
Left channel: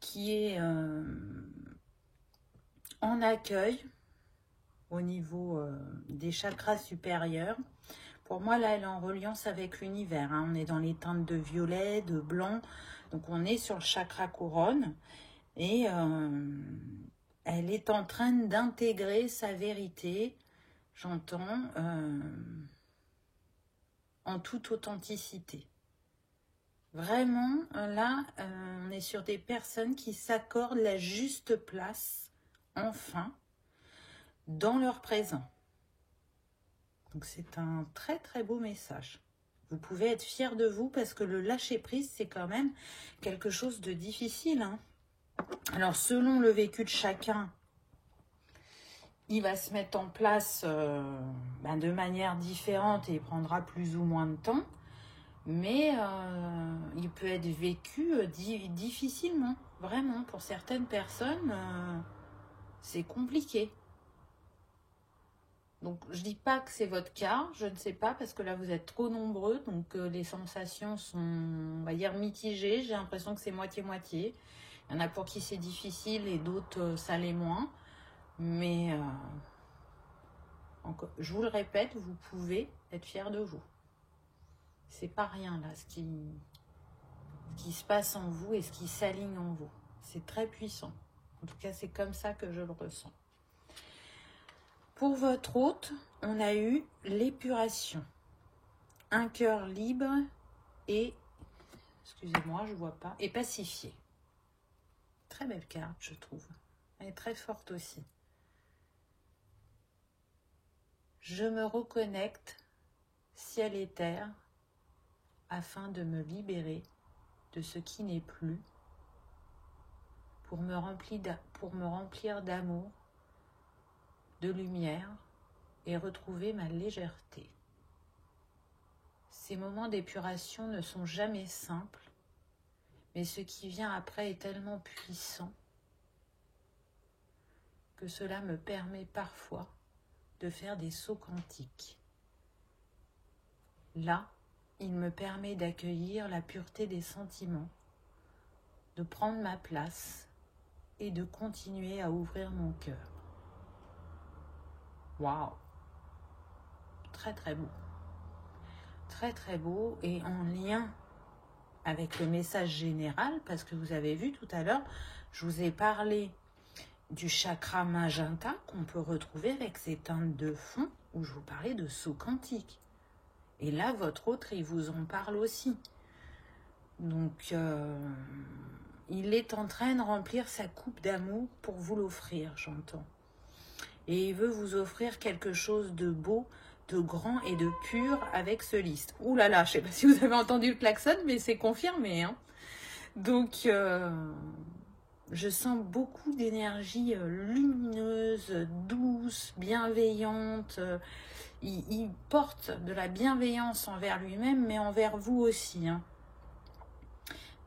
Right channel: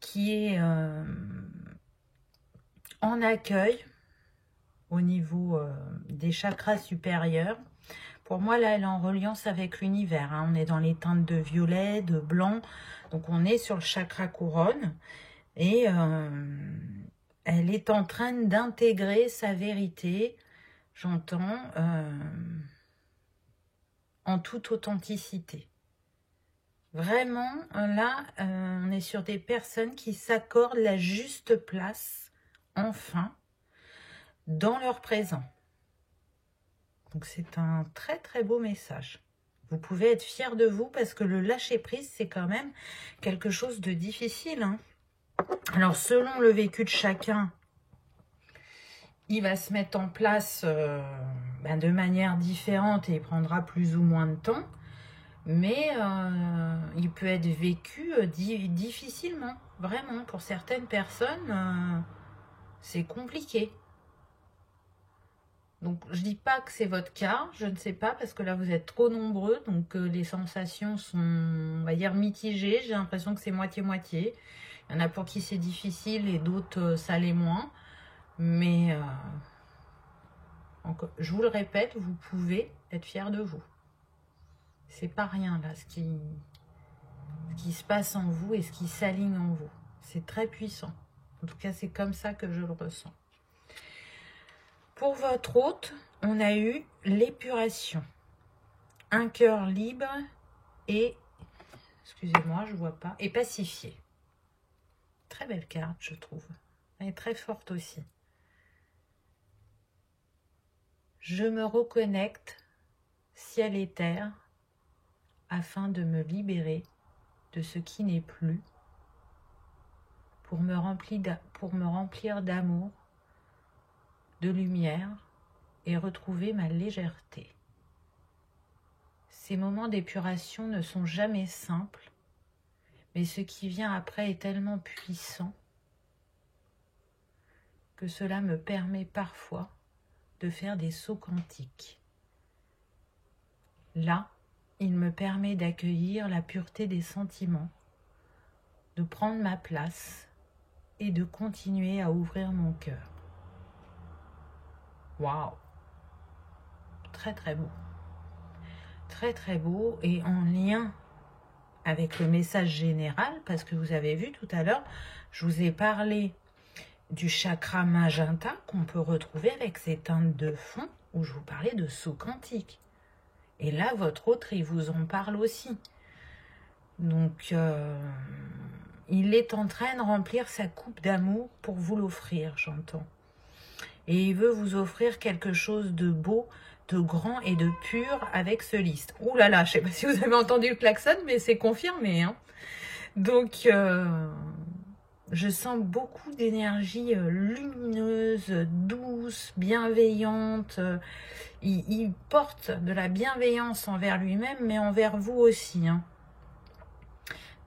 qui est en accueil au niveau des chakras supérieurs. Pour moi, là, elle est en reliance avec l'univers. Hein. On est dans les teintes de violet, de blanc. Donc, on est sur le chakra couronne. Et elle est en train d'intégrer sa vérité, j'entends, en toute authenticité. Vraiment, là, on est sur des personnes qui s'accordent la juste place, enfin, dans leur présent. Donc, c'est un très, très beau message. Vous pouvez être fiers de vous parce que le lâcher-prise, c'est quand même quelque chose de difficile. Hein. Alors, selon le vécu de chacun, il va se mettre en place de manière différente et il prendra plus ou moins de temps. Mais il peut être vécu difficilement. Vraiment, pour certaines personnes, c'est compliqué. Donc, je dis pas que c'est votre cas. Je ne sais pas parce que là, vous êtes trop nombreux. Donc, les sensations sont, on va dire, mitigées. J'ai l'impression que c'est moitié-moitié. Il y en a pour qui c'est difficile et d'autres, ça l'est moins. Mais, je vous le répète, vous pouvez être fiers de vous. C'est pas rien là, ce qui se passe en vous et ce qui s'aligne en vous. C'est très puissant. En tout cas, c'est comme ça que je le ressens. Pour votre hôte, on a eu l'épuration. Un cœur libre et, excusez-moi, je vois pas, et pacifié. Très belle carte, je trouve. Elle est très forte aussi. Je me reconnecte, ciel et terre, afin de me libérer de ce qui n'est plus, pour me remplir d'amour, de lumière et retrouver ma légèreté. Ces moments d'épuration ne sont jamais simples, mais ce qui vient après est tellement puissant que cela me permet parfois de faire des sauts quantiques. Là, il me permet d'accueillir la pureté des sentiments, de prendre ma place et de continuer à ouvrir mon cœur. Waouh! Très très beau. Très très beau et en lien avec le message général, parce que vous avez vu tout à l'heure, je vous ai parlé du chakra magenta qu'on peut retrouver avec ces teintes de fond où je vous parlais de saut quantique. Et là, votre autre, il vous en parle aussi. Donc, il est en train de remplir sa coupe d'amour pour vous l'offrir, j'entends. Et il veut vous offrir quelque chose de beau, de grand et de pur avec ce liste. Ouh là là, je ne sais pas si vous avez entendu le klaxon, mais c'est confirmé. Hein. Donc, je sens beaucoup d'énergie lumineuse, douce, bienveillante. Il porte de la bienveillance envers lui-même, mais envers vous aussi. Hein.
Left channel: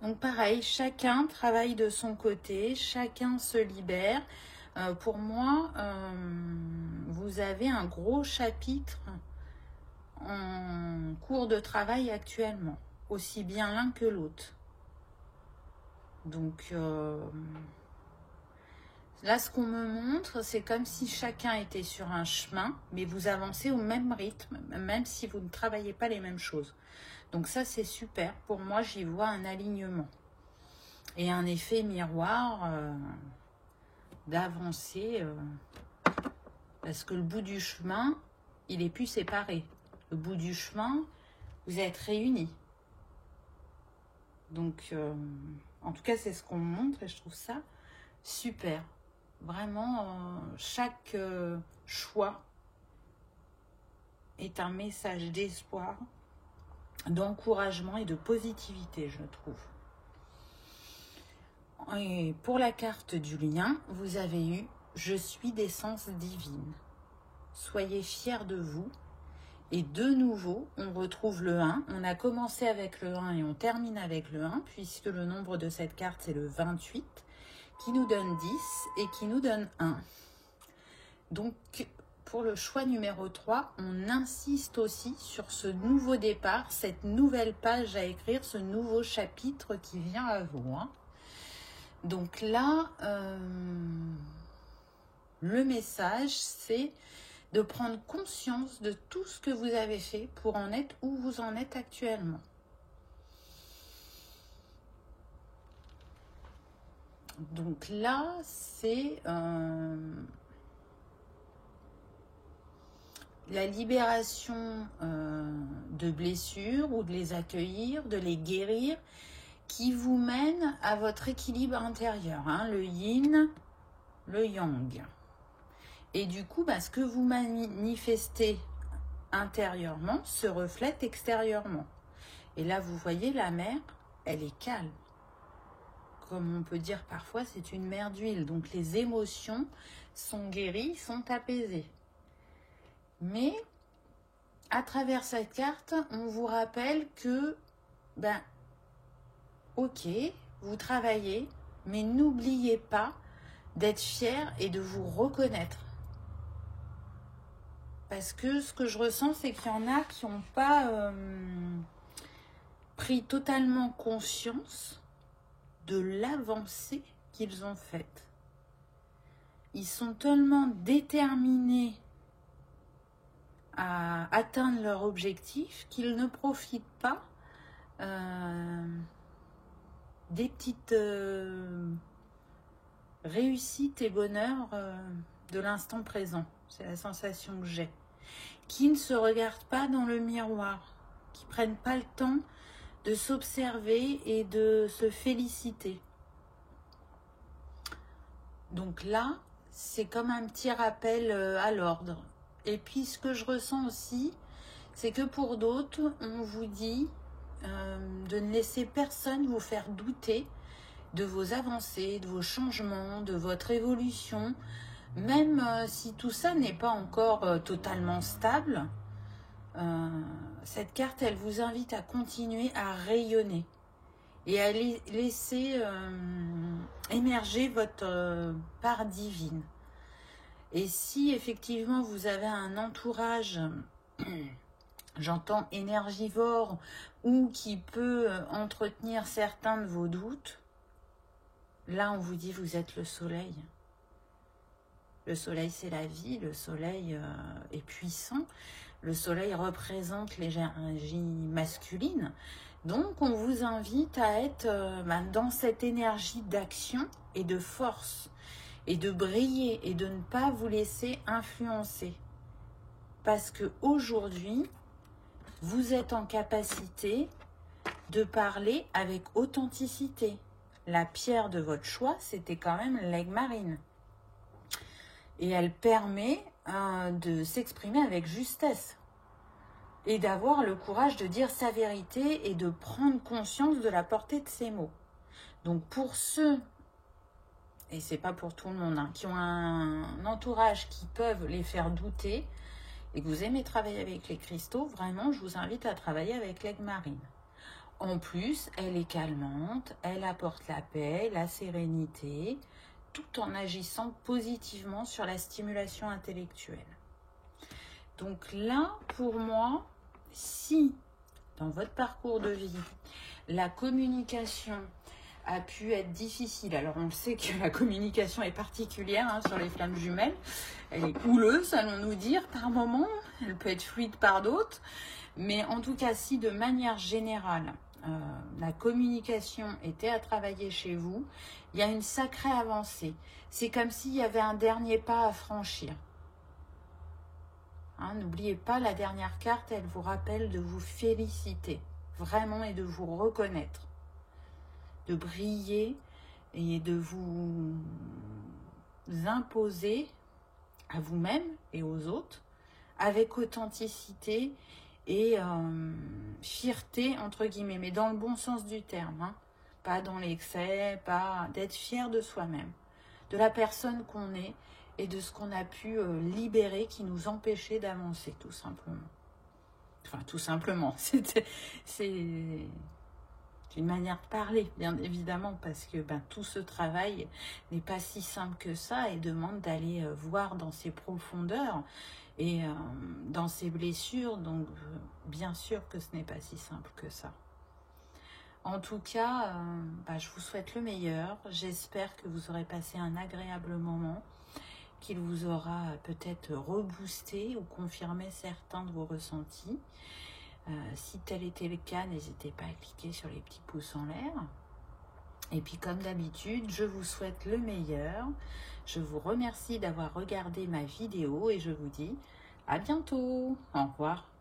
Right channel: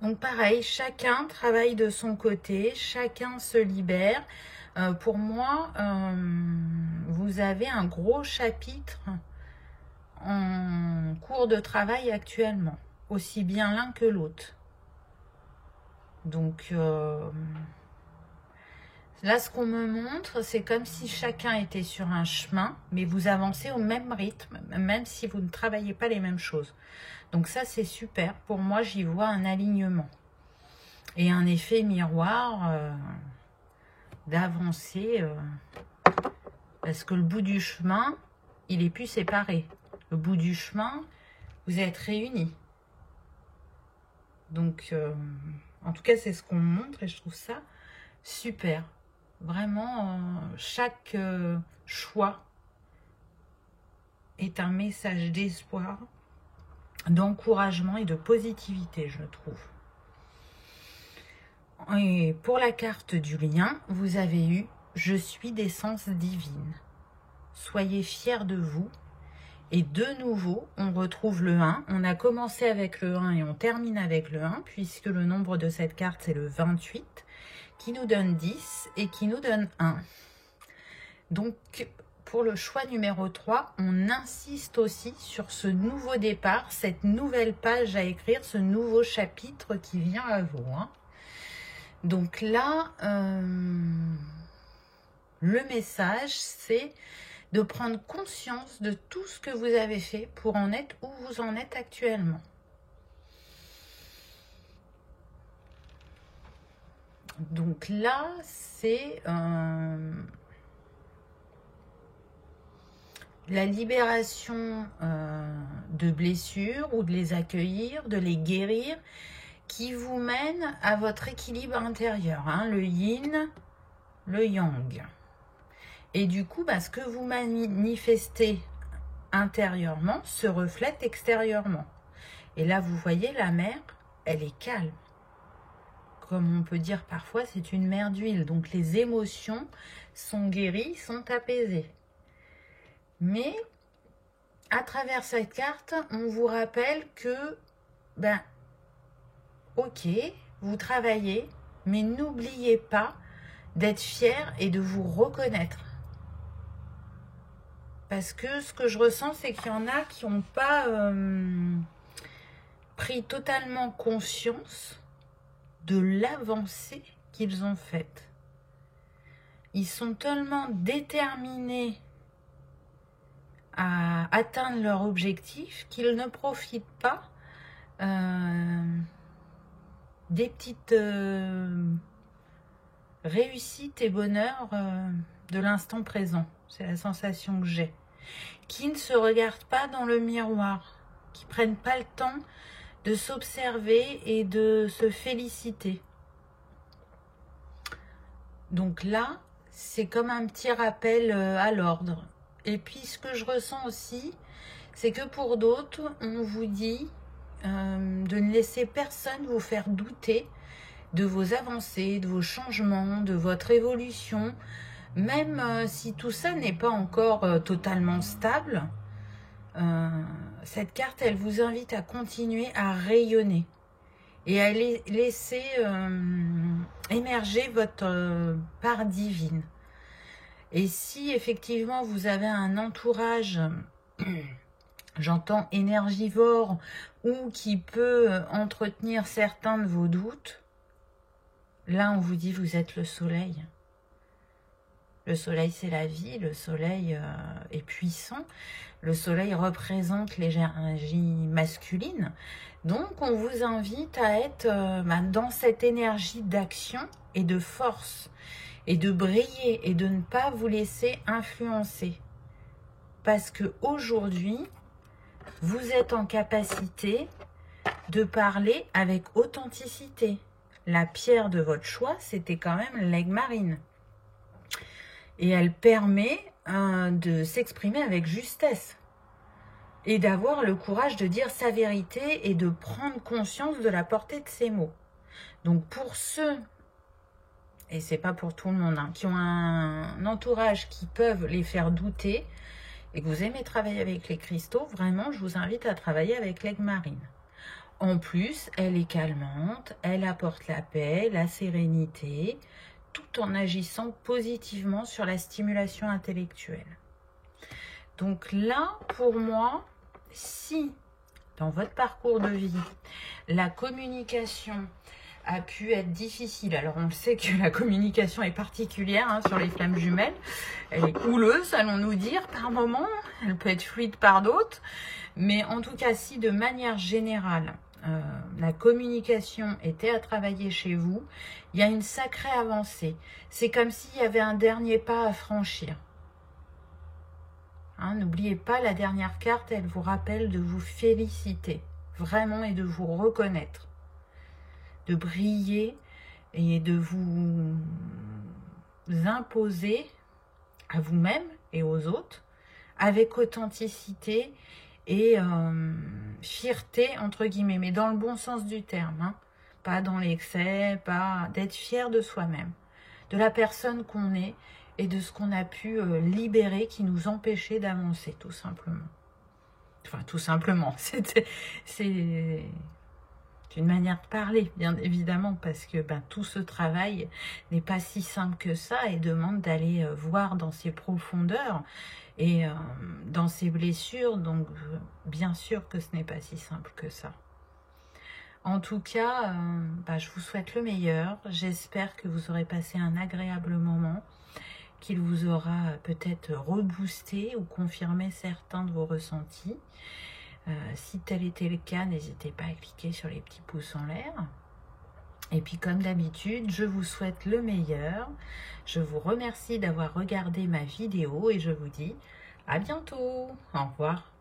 Donc pareil, chacun travaille de son côté, chacun se libère. Pour moi, vous avez un gros chapitre en cours de travail actuellement, aussi bien l'un que l'autre. Donc là, ce qu'on me montre, c'est comme si chacun était sur un chemin, mais vous avancez au même rythme, même si vous ne travaillez pas les mêmes choses. Donc ça, c'est super. Pour moi, j'y vois un alignement et un effet miroir d'avancer, parce que le bout du chemin, il est plus séparé. Le bout du chemin, vous êtes réunis. Donc, en tout cas, c'est ce qu'on me montre et je trouve ça super. Vraiment, chaque choix est un message d'espoir d'encouragement et de positivité, je trouve. Et pour la carte du lien, vous avez eu « Je suis d'essence divine ». Soyez fiers de vous. Et de nouveau, on retrouve le 1. On a commencé avec le 1 et on termine avec le 1, puisque le nombre de cette carte, c'est le 28, qui nous donne 10 et qui nous donne 1. Donc, pour le choix numéro 3, on insiste aussi sur ce nouveau départ, cette nouvelle page à écrire, ce nouveau chapitre qui vient à vous. Donc là, le message, c'est de prendre conscience de tout ce que vous avez fait pour en être où vous en êtes actuellement. Donc là, c'est la libération de blessures ou de les accueillir, de les guérir, qui vous mène à votre équilibre intérieur, le yin, le yang. Et du coup, ce que vous manifestez intérieurement se reflète extérieurement. Et là, vous voyez, la mer, elle est calme. Comme on peut dire parfois, c'est une mer d'huile. Donc, les émotions sont guéries, sont apaisées. Mais, à travers cette carte, on vous rappelle que, ok, vous travaillez, mais n'oubliez pas d'être fier et de vous reconnaître. Parce que ce que je ressens, c'est qu'il y en a qui n'ont pas pris totalement conscience de l'avancée qu'ils ont faite. Ils sont tellement déterminés à atteindre leur objectif qu'ils ne profitent pas des petites réussites et bonheurs de l'instant présent. C'est la sensation que j'ai. Qui ne se regardent pas dans le miroir, qui ne prennent pas le temps de s'observer et de se féliciter. Donc là, c'est comme un petit rappel à l'ordre. Et puis ce que je ressens aussi, c'est que pour d'autres, on vous dit de ne laisser personne vous faire douter de vos avancées, de vos changements, de votre évolution. Même si tout ça n'est pas encore totalement stable, cette carte, elle vous invite à continuer à rayonner et à laisser émerger votre part divine. Et si effectivement vous avez un entourage, j'entends énergivore, ou qui peut entretenir certains de vos doutes, là on vous dit vous êtes le soleil. Le soleil, c'est la vie, le soleil est puissant, le soleil représente l'énergie masculine. Donc, on vous invite à être dans cette énergie d'action et de force, et de briller, et de ne pas vous laisser influencer. Parce qu'aujourd'hui, vous êtes en capacité de parler avec authenticité. La pierre de votre choix, c'était quand même l'aigle marine. Et elle permet de s'exprimer avec justesse et d'avoir le courage de dire sa vérité et de prendre conscience de la portée de ses mots. Donc pour ceux, et c'est pas pour tout le monde, qui ont un entourage qui peuvent les faire douter et que vous aimez travailler avec les cristaux, vraiment je vous invite à travailler avec l'aigle marine. En plus, elle est calmante, elle apporte la paix, la sérénité, tout en agissant positivement sur la stimulation intellectuelle. Donc là, pour moi, si dans votre parcours de vie, la communication a pu être difficile, alors on le sait que la communication est particulière sur les flammes jumelles, elle est houleuse, allons-nous dire, par moments, elle peut être fluide par d'autres, mais en tout cas, si de manière générale, la communication était à travailler chez vous, il y a une sacrée avancée. C'est comme s'il y avait un dernier pas à franchir. N'oubliez pas, la dernière carte, elle vous rappelle de vous féliciter, vraiment, et de vous reconnaître, de briller et de vous imposer à vous-même et aux autres avec authenticité et fierté, entre guillemets, mais dans le bon sens du terme, hein, pas dans l'excès, pas d'être fier de soi-même, de la personne qu'on est et de ce qu'on a pu libérer qui nous empêchait d'avancer, tout simplement. Enfin, tout simplement, c'est une manière de parler, bien évidemment, parce que tout ce travail n'est pas si simple que ça et demande d'aller voir dans ses profondeurs et dans ses blessures. Donc, bien sûr que ce n'est pas si simple que ça. En tout cas, je vous souhaite le meilleur. J'espère que vous aurez passé un agréable moment, qu'il vous aura peut-être reboosté ou confirmé certains de vos ressentis. Si tel était le cas, n'hésitez pas à cliquer sur les petits pouces en l'air. Et puis comme d'habitude, je vous souhaite le meilleur. Je vous remercie d'avoir regardé ma vidéo et je vous dis à bientôt. Au revoir.